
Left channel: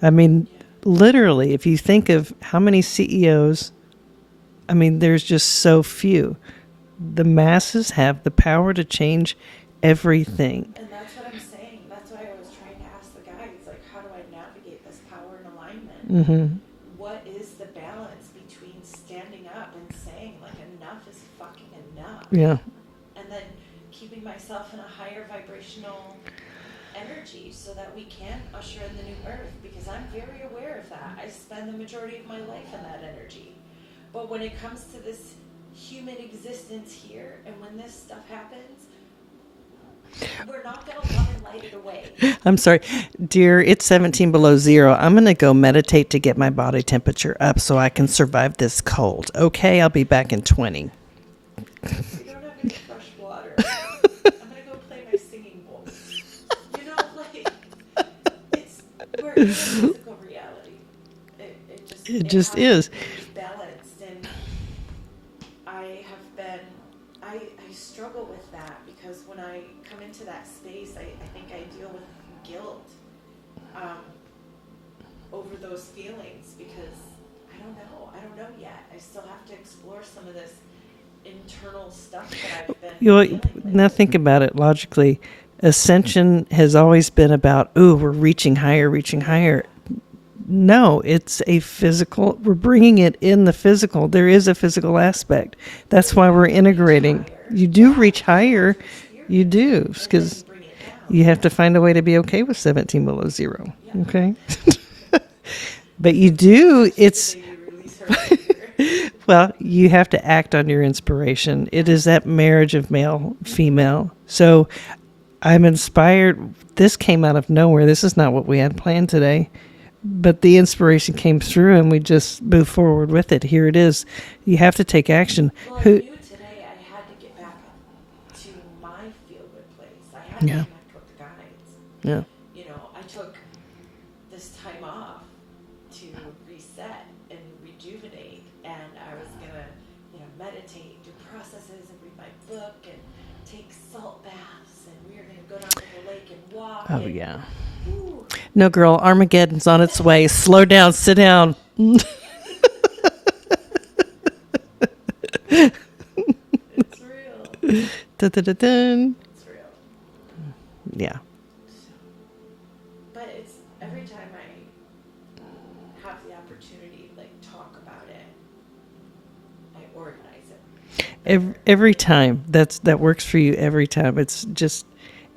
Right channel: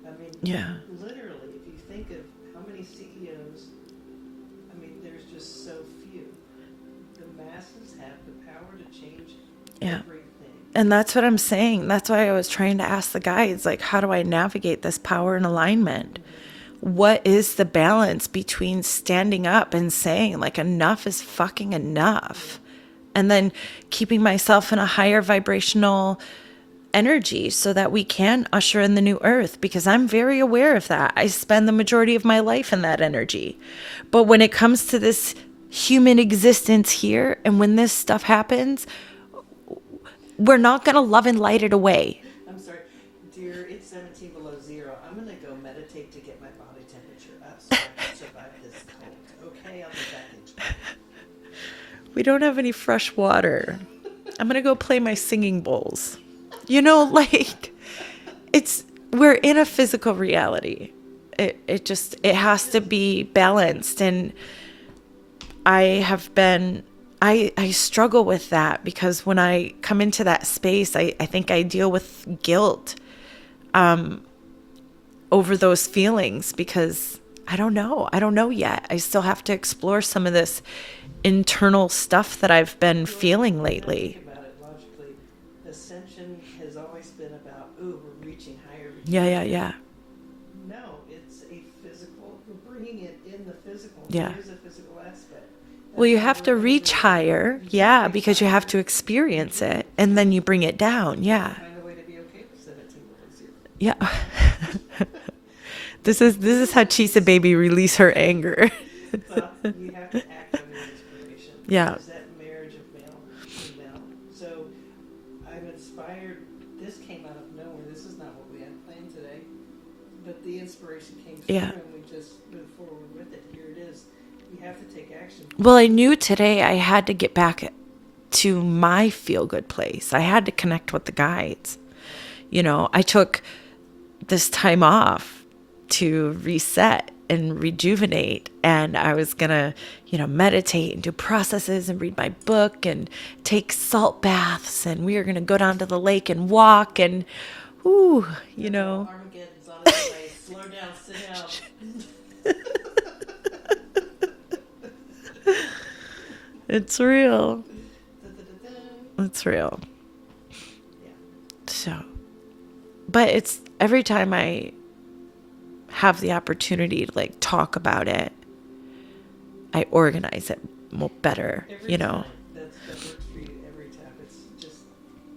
I mean, Yeah. literally, if you think of how many CEOs, there's just so few. The masses have the power to change everything. And that's what I'm saying. That's why I was trying to ask the guides, like, how do I navigate this power and alignment? Mm-hmm. What is the balance between standing up and saying, like, enough is fucking enough? Yeah. And then keeping myself in a higher vibrational energy so that we can usher in the new earth, because I'm very aware of that. I spend the majority of my life in that energy. But when it comes to this human existence here, and when this stuff happens, we're not going to love and light it away. I'm sorry, dear, it's 17 below zero. I'm going to go meditate to get my body temperature up so I can survive this cold. Okay, I'll be back in 20. We don't have any fresh water. I'm going to go play my singing bowls. We're in a physical reality. It just has is. to be balanced. And I struggle with that because when I come into that space, I think I deal with guilt over those feelings because I don't know yet. I still have to explore some of this internal stuff that I've been feeling lately. Now think about it logically. Ascension has always been about, we're reaching higher. Yeah. No, it's a physical. We're bringing it in the physical. There is a physical aspect. That's you why have we're to integrating. Reach higher. You do reach because higher. you have to experience you do, it, and then you bring it down. You have to find a way to be okay with 17 below zero. Yeah. Okay. But This is how Cheese the it's, Baby release her anger. well, you have to act on your inspiration. Yeah. It is that marriage of male, female. So I'm inspired. This came out of nowhere. This is not what we had planned today. But the inspiration came through and we just moved forward with it. Here it is. You have to take action. Well, I knew today I had to get back to my feel good place. I had to connect with the guides. Yeah. You know, I took this time off to reset and rejuvenate, and I was gonna, you know, meditate and do processes and read my book and take salt baths, and we were gonna go down to the lake and walk Oh, and yeah. ooh, No, you girl, know. Armageddon's on its way. Slow down, sit down. It's real. Dun-dun-dun-dun. It's real. Yeah. So, but it's every time I have the opportunity to like talk about it, I organize it better. Every you know? time. That works for you every time. It's just,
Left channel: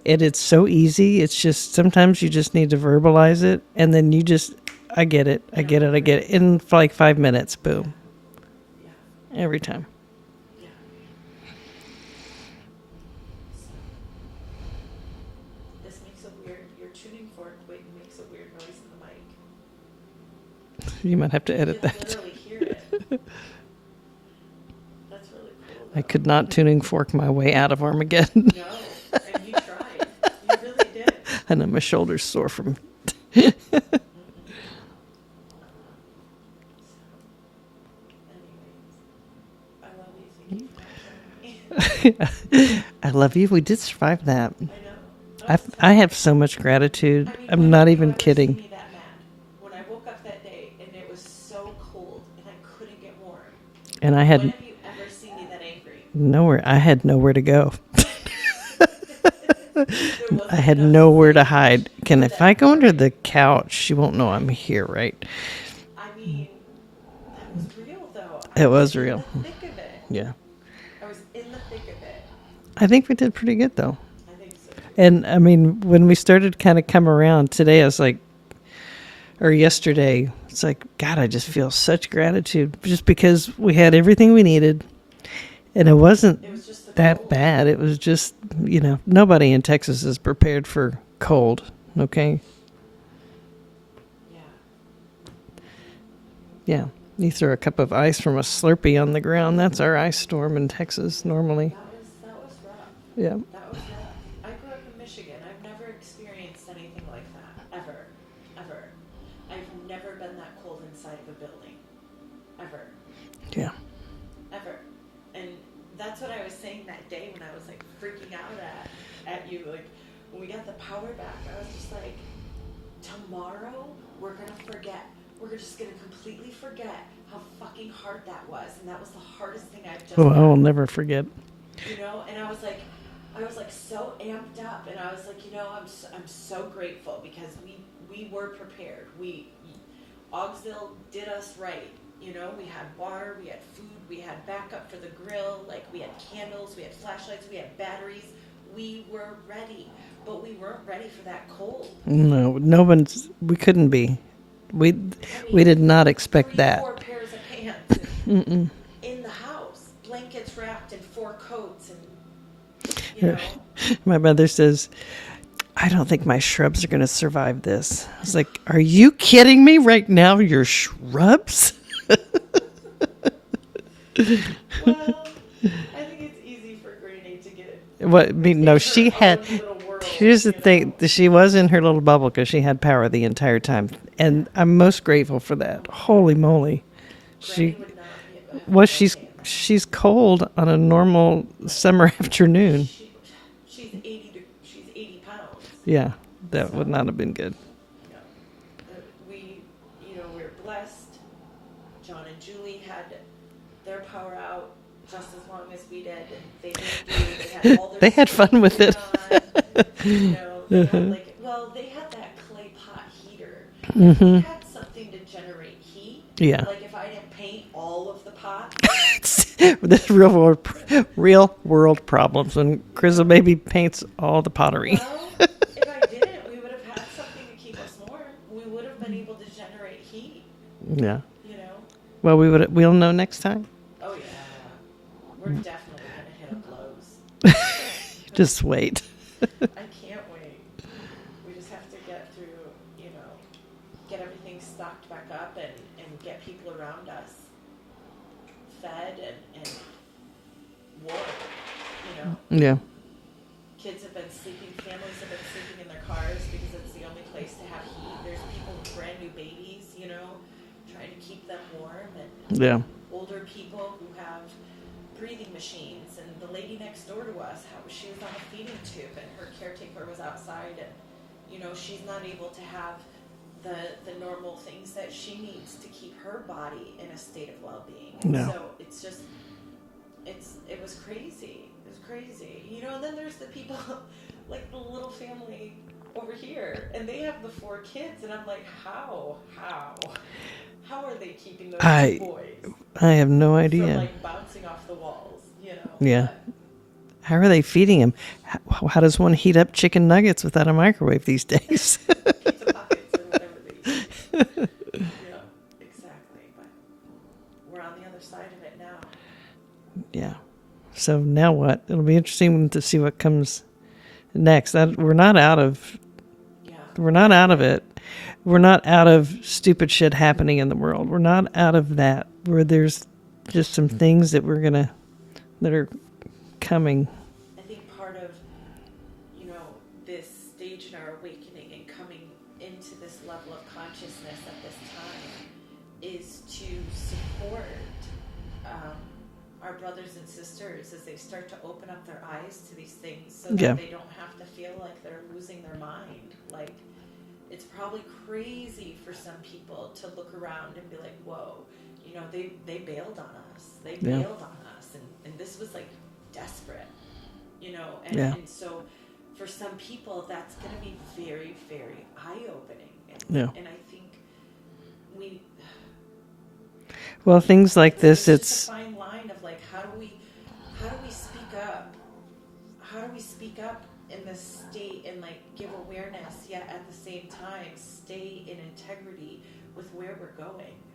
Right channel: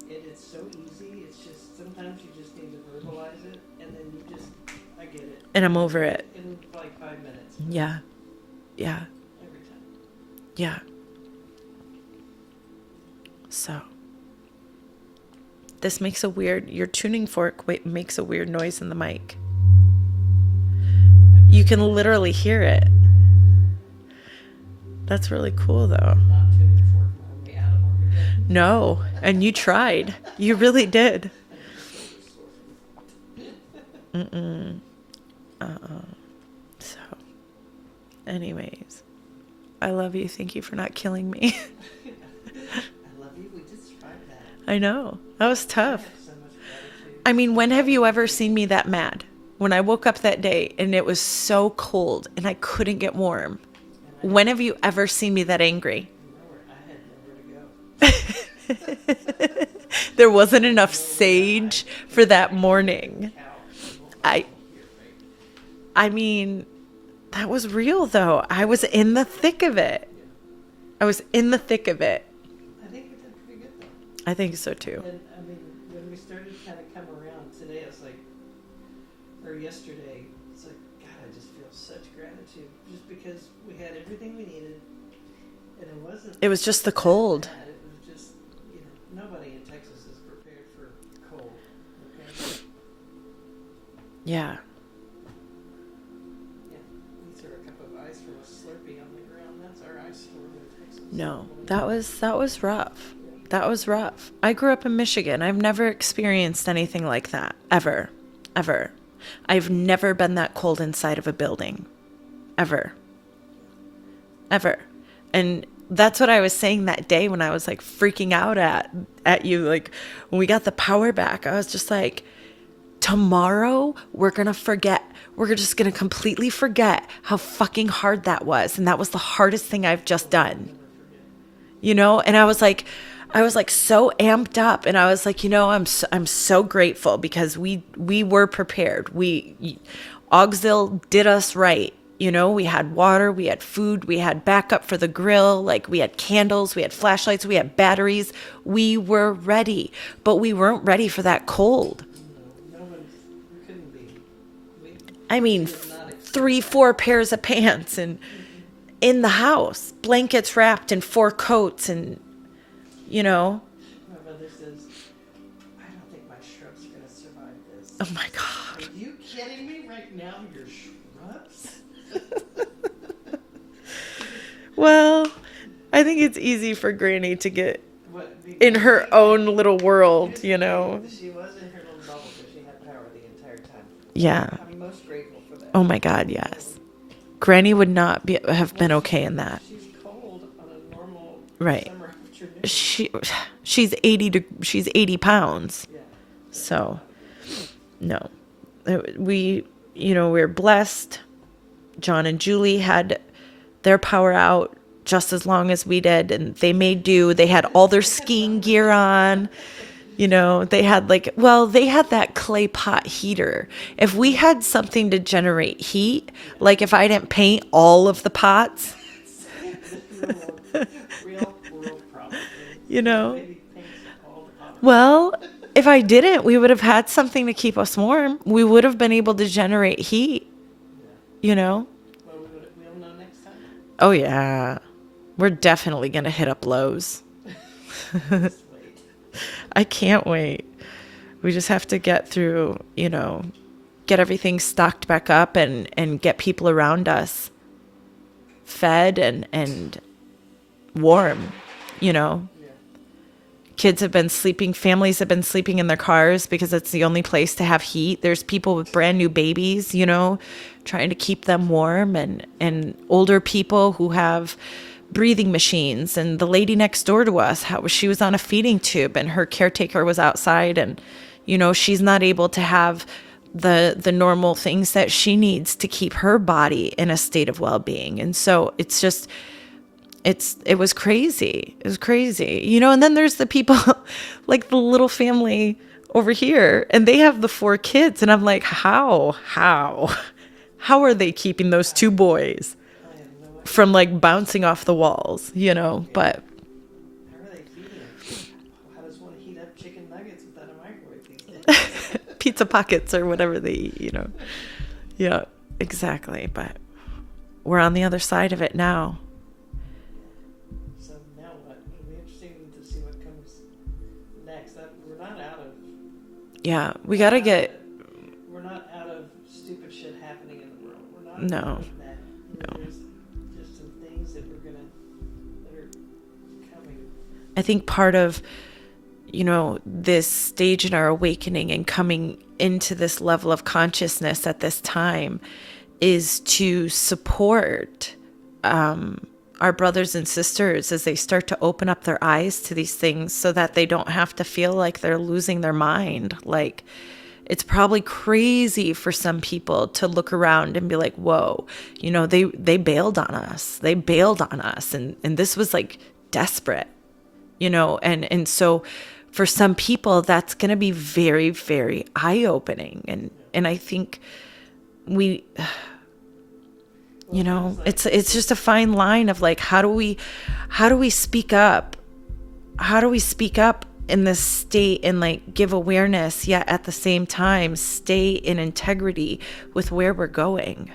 it's so easy. It's just, sometimes you just need to verbalize it. And then you just, I get it. And I I'm get it. over I get it. it. In like 5 minutes. Boom. Yeah. Yeah. Every time. Yeah. So, this makes a weird, your tuning fork makes a weird noise in the mic. You might have to You edit can that. literally hear it. That's really cool, though. I could not tuning fork my way out of Armageddon. No, and you tried. You really did. And then my shoulder's sore from. So, anyways, I love you. Thank you for not killing me. I love you. We did survive that. I know. That was tough. I have so much gratitude. I mean, I'm when not have you even ever kidding. seen me that mad? When I woke up that day and it was so cold and I couldn't get warm. And I had When have you ever seen me that angry? nowhere. I had nowhere to go. There wasn't I had enough nowhere to sage hide. Can for that I go morning. under the couch? She won't know I'm here, right? I mean, that was real though. I It was was in real. the thick of it. Yeah. I was in the thick of it. I think we did pretty good though. I think so too. And I mean, when we started kind of come around today, I was like, or yesterday, it's like, God, I just feel such gratitude just because we had everything we needed. And it wasn't It was just the that cold. bad. It was just, nobody in Texas is prepared for cold. Okay. Yeah. Yeah. You throw a cup of ice from a Slurpee on the ground. That's our ice storm in Texas No, normally. That was rough. Yeah. That was rough. I grew up in Michigan. I've never experienced anything like that. Ever. Ever. I've never been that cold inside of a building. Ever. Yeah. Ever. And that's what I was saying that day when I was like freaking out at you. Like when we got the power back, I was just like, tomorrow we're going to forget. We're just going to completely forget how fucking hard that was. And that was the hardest thing I've just done. I'll never forget. And I was like so amped up, and I was like, I'm so grateful because we were prepared. Augsville did us right. We had water, we had food, we had backup for the grill, like we had candles, we had flashlights, we had batteries. We were ready, but we weren't ready for that cold. No, we couldn't be. We did not expect that. 3-4 pairs of pants and in the house, blankets wrapped in 4 coats and My mother says, I don't think my shrubs are going to survive this. Oh my I was like, are you kidding me right now? Your shrubs? Well, I think it's easy for Granny to get What? I mean, in no, her she own had, little world. here's the thing. She was in her little bubble because she had power the entire time. And Yeah. I'm most grateful for that. Oh my God, Holy yes. moly. Granny She- would not have been okay in that. She's cold on a normal Right. smer afternoon. She's 80 pounds. Yeah, that So- would not have been good. No, we're blessed. John and Julie had their power out just as long as we did, and they made do. They had all their They had fun skiing with gear it. on. They had they had that clay pot heater. If we had something to generate heat, Yeah. like if I didn't paint all of the pots, This real world problems when Chris baby paints all the pottery. well, if I didn't, we would have had something to keep us warm. We would have been able to generate heat. Yeah. you know? Well, we'll know next time. Oh, yeah. We're definitely going to hit up Lowe's. Just wait. I can't wait. We just have to get through, get everything stocked back up and get people around us fed and warm, Yeah. Kids have been sleeping, families have been sleeping in their cars because it's the only place to have heat. There's people with brand new babies, trying to keep them warm and older people who have breathing machines. And the lady next door to us, she was on a feeding tube and her caretaker was outside and, she's not able to have the normal things that she needs to keep her body in a state of well-being. And so it's just, it was crazy. It was crazy, and then there's the people like the little family over here and they have the 4 kids. And I'm like, how are they keeping those 2 boys? I have no idea. From like bouncing off the walls, but how are they feeding him? How does one heat up chicken nuggets without a microwave these days? pizza pockets or whatever they eat, Yeah, exactly. But we're on the other side of it now. Yeah. So now what? It'll be interesting to see what comes next. We're not out of. Yeah. We're not out of it. We're not out of stupid shit happening in the world. We're not out of that. Where there's just some things that that are coming. I think part of, this stage in our awakening and coming into this level of consciousness at this time is to support our brothers and sisters as they start to open up their eyes to these things so that they don't have to feel like they're losing their mind. Like, it's probably crazy for some people to look around and be like, whoa, they bailed on us. They bailed on us. And this was like desperate, and so for some people that's going to be very, very eye-opening. And I think things like this. It's just a fine line of like, how do we speak up? How do we speak up in this state and like give awareness, yet at the same time stay in integrity with where we're going?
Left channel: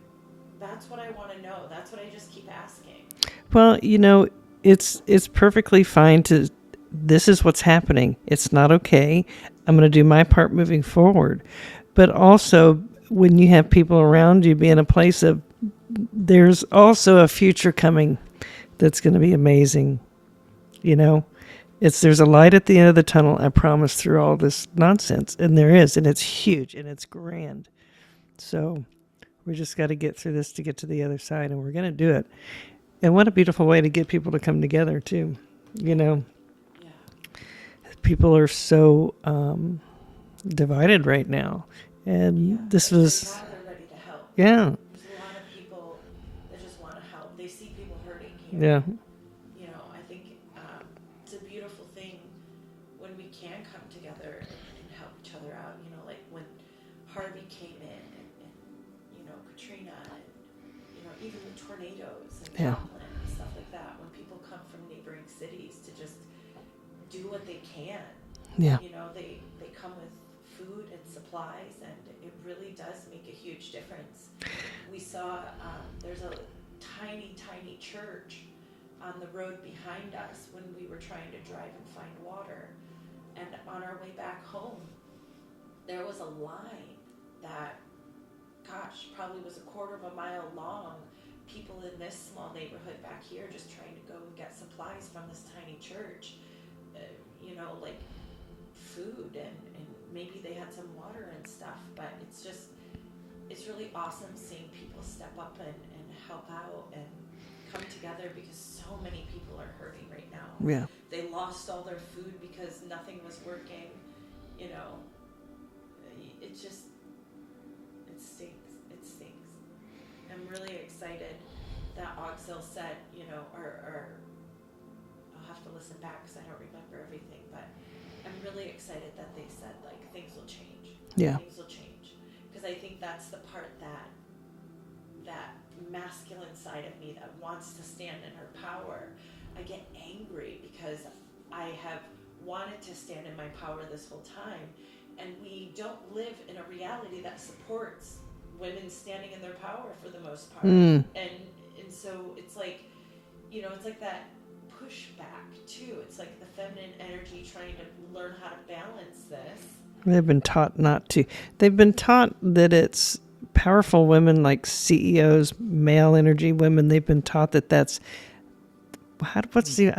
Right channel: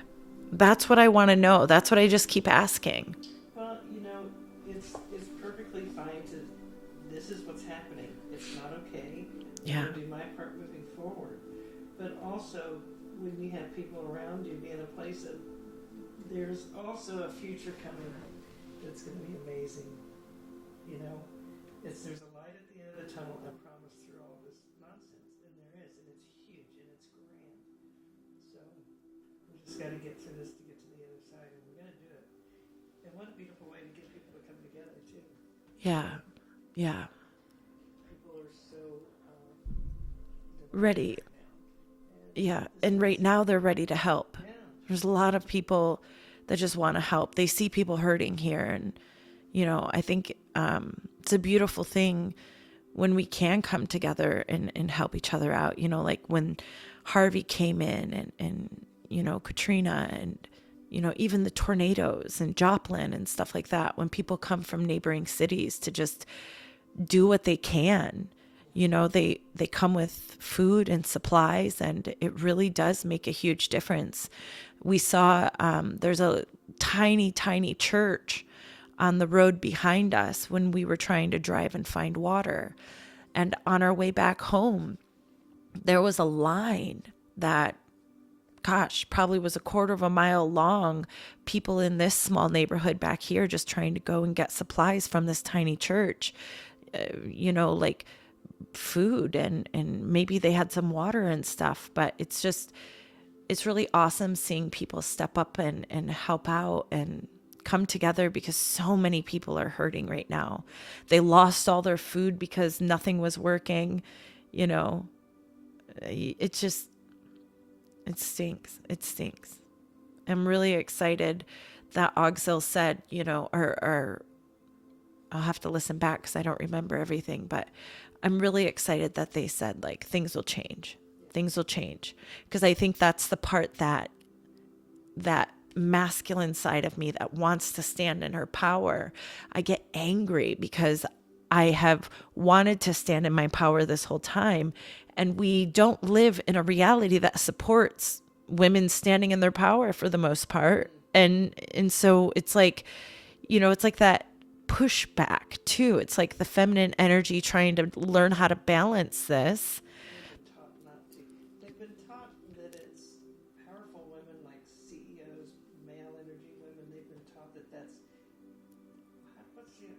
That's what I want to know. That's what I just keep asking. Well, it's perfectly fine to. This is what's happening. It's not okay. I'm going to do my part moving forward. But also, when you have people around you, be in a place of. There's also a future coming that's going to be amazing. There's a light at the end of the tunnel, I promise, through all this nonsense. And there is, and it's huge and it's grand. So we just got to get through this to get to the other side, and we're going to do it. And what a beautiful way to get people to come together too. Yeah. People are so divided right now. And right now they're ready to help. Yeah. There's a lot of people that just want to help. They see people hurting here. Yeah. And, I think it's a beautiful thing when we can come together and help each other out. Like when Harvey came in and Katrina and, even the tornadoes and Joplin and stuff like that. When people come from neighboring cities to just do what they can. Yeah. They come with food and supplies, and it really does make a huge difference. We saw there's a tiny church on the road behind us when we were trying to drive and find water. And on our way back home, there was a line that, probably was a quarter of a mile long. People in this small neighborhood back here just trying to go and get supplies from this tiny church, like food and maybe they had some water and stuff. But it's really awesome seeing people step up and help out and come together, because so many people are hurting right now. Yeah. They lost all their food because nothing was working. It stinks. I'm really excited that Auxil said, or I'll have to listen back because I don't remember everything, but I'm really excited that they said like things will change. Yeah. Things will change. Because I think that's the part that masculine side of me that wants to stand in her power. I get angry because I have wanted to stand in my power this whole time, and we don't live in a reality that supports women standing in their power for the most part. And so it's like, it's like that pushback too. It's like the feminine energy trying to learn how to balance this. They've been taught not to. They've been taught that it's powerful women like CEOs, male energy women. They've been taught that that's I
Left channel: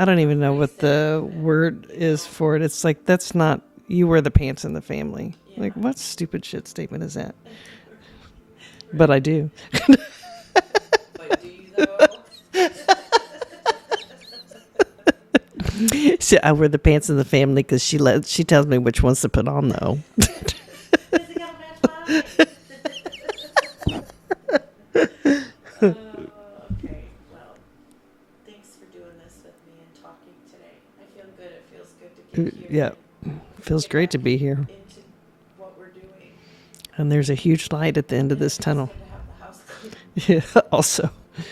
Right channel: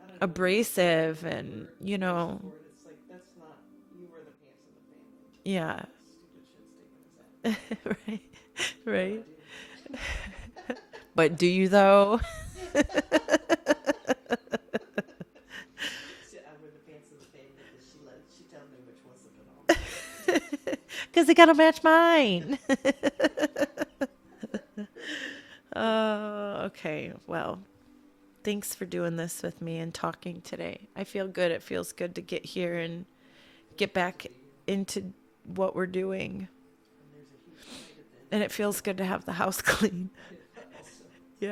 don't even know what the Abrasive word and, is for it. It's like, that's not, you wear the pants in the family. Yeah. Like, what stupid shit statement is that? Right. But I do. But do you though? So I wear the pants in the family because she tells me which ones to put on though. Because it gotta match mine. Okay. Well, thanks for doing this with me and talking today. I feel good. It feels good to get here. Yeah. And Feels get great to back be here. into what we're doing. And there's a huge light at the end of And it this feels tunnel. good to have the house clean. Yeah. Also, Yeah.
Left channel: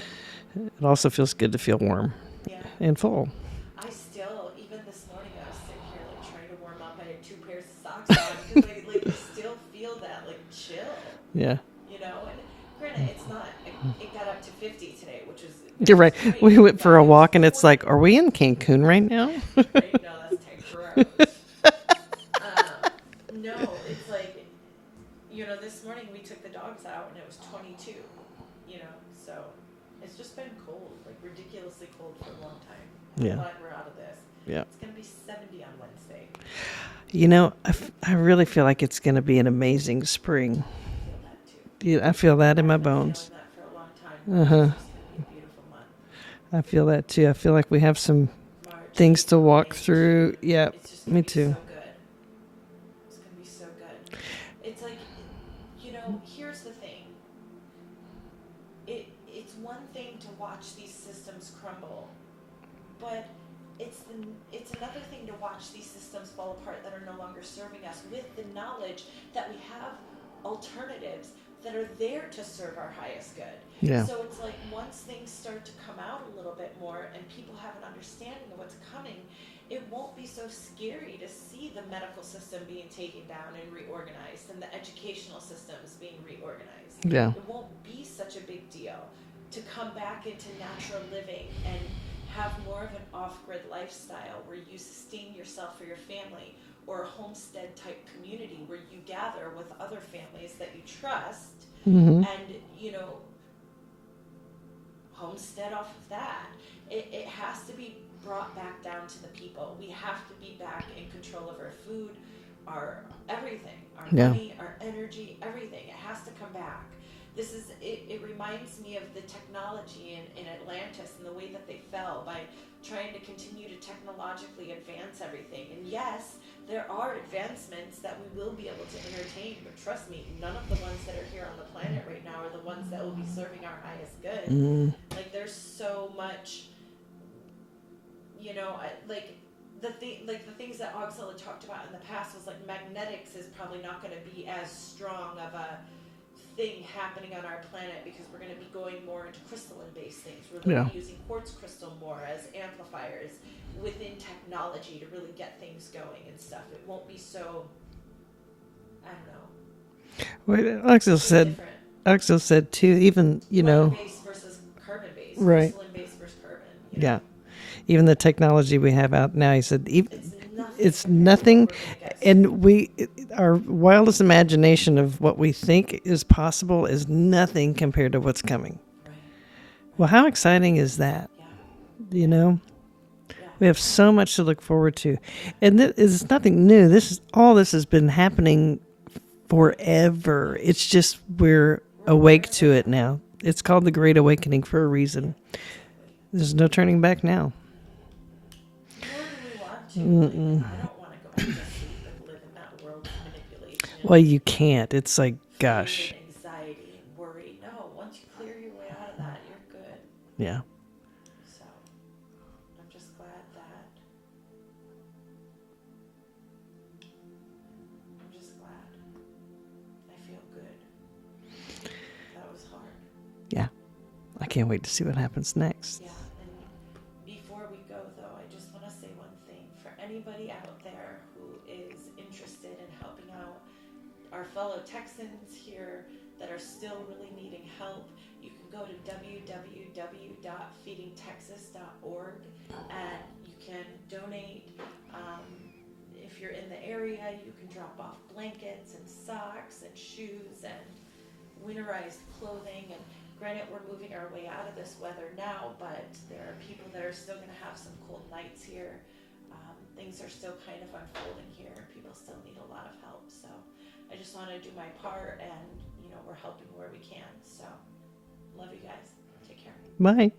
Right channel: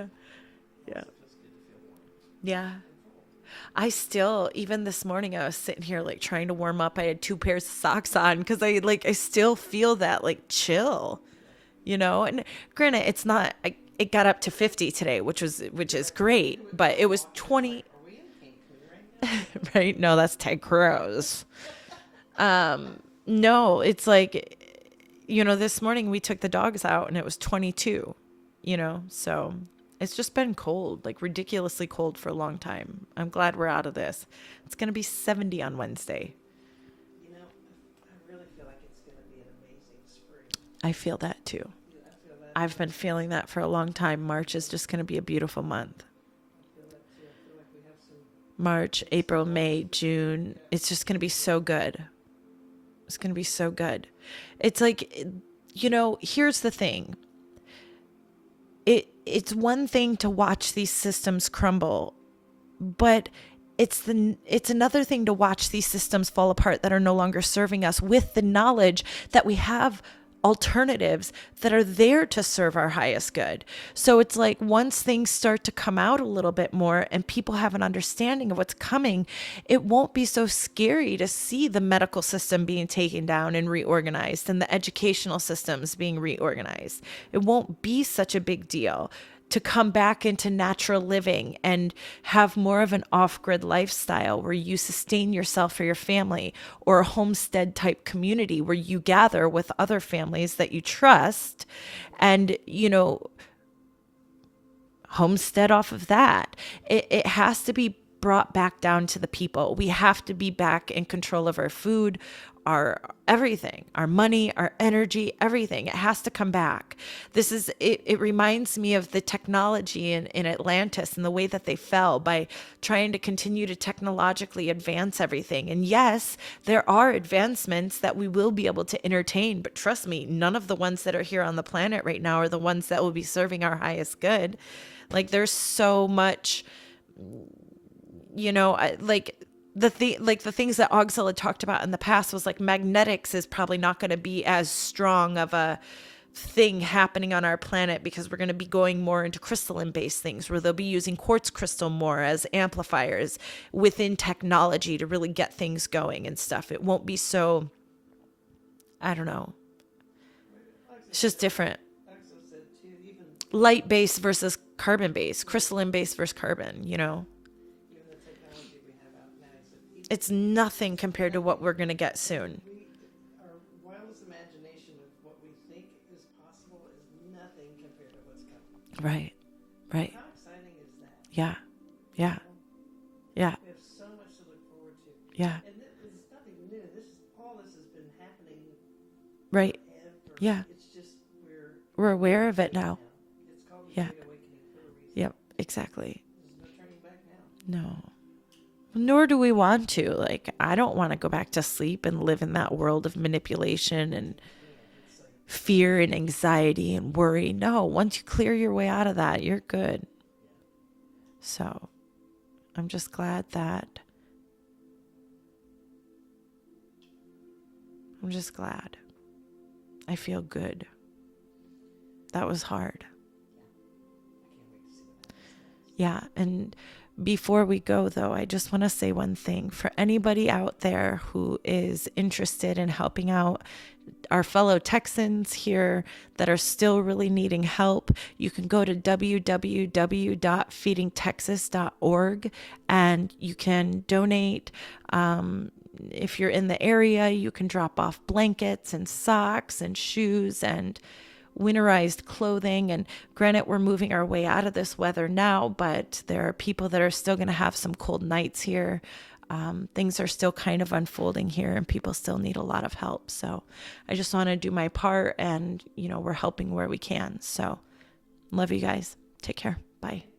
it also feels good to feel warm Yeah. and full. I still, even this morning, I was sitting here like trying to warm up. I had 2 pairs of socks on because I still feel that like chill, Yeah. And granted, it's not, it got up to 50 today, which You're is right. great. We went but for a it was walk and it's 20 like, are we in Cancun right now? right? No, that's Ted Cruz. No, it's like, this morning we took the dogs out and it was 22, so it's just been cold, like ridiculously cold for a long time. I'm Yeah. glad we're out of this. Yeah. It's going to be 70 on Wednesday. I really feel like it's going to be an amazing spring. I feel that too. Yeah, I feel that in my I've been bones. feeling that for a long time. March is just going to be a beautiful month. I feel that too. I feel like we have some March, things April, to walk May, through. June. Yeah, It's just going to me be too. so good. It's going to be so good. It's like, here's the thing. It's one thing to watch these systems crumble, but it's another thing to watch these systems fall apart that are no longer serving us, with the knowledge that we have alternatives that are there to serve our highest good. Yeah. So it's like, once things start to come out a little bit more and people have an understanding of what's coming, it won't be so scary to see the medical system being taken down and reorganized, and the educational systems being reorganized. Yeah. It won't be such a big deal to come back into natural living and have more of an off-grid lifestyle where you sustain yourself or your family, or a homestead type community where you gather with other families that you trust and, homestead off of that. It has to be brought back down to the people. We have to be back in control of our food, our everything, our money, our energy, everything. It has to come back. It reminds me of the technology in Atlantis and the way that they fell by trying to continue to technologically advance everything. And yes, there are advancements that we will be able to entertain, but trust me, none of the ones that are here on the planet right now are the ones that will be serving our highest good. Like, there's so much, the things that Auxil had talked about in the past was like, magnetics is probably not going to be as strong of a thing happening on our planet, because we're going to be going more into crystalline based things where they'll be using quartz crystal more as amplifiers within technology to really get things going and stuff. It won't be so, I don't know. It's It's just different. Axel said too, even Light based versus carbon based, Right. crystalline based versus carbon, Yeah. Even the technology we have out now, he said, It's nothing it's compared nothing, to what we're going to get soon. and our wildest imagination of what we think is possible is nothing compared to what's coming. Right. Well, how exciting is that? Yeah. You know, Yeah. we have so much to look forward to. Yeah. And it's nothing new. All this has been happening Right. forever. Yeah. It's just we're We're awake aware of to it it now. now. It's called the Great Awakening for a reason. Yeah, exactly. There's no turning back now. No. Nor do we want to. Like, I don't want to go back to sleep and live in that world of manipulation, Well, you can't. It's like, gosh. fear and anxiety and worry. No, once you clear your way out of that, you're good. Yeah. So I'm just glad that. I'm just glad. I feel good. That was hard. Yeah. I can't wait to see what happens next. Yeah. And before we go, though, I just want to say one thing. For anybody out there who is interested in helping out our fellow Texans here that are still really needing help, you can go to www.feedingtexas.org and you can donate. If you're in the area, you can drop off blankets and socks and shoes and winterized clothing. And granted, we're moving our way out of this weather now, but there are people that are still going to have some cold nights here. Things are still kind of unfolding here and people still need a lot of help. So I just want to do my part, and we're helping where we can. So love you guys. Take care. Bye.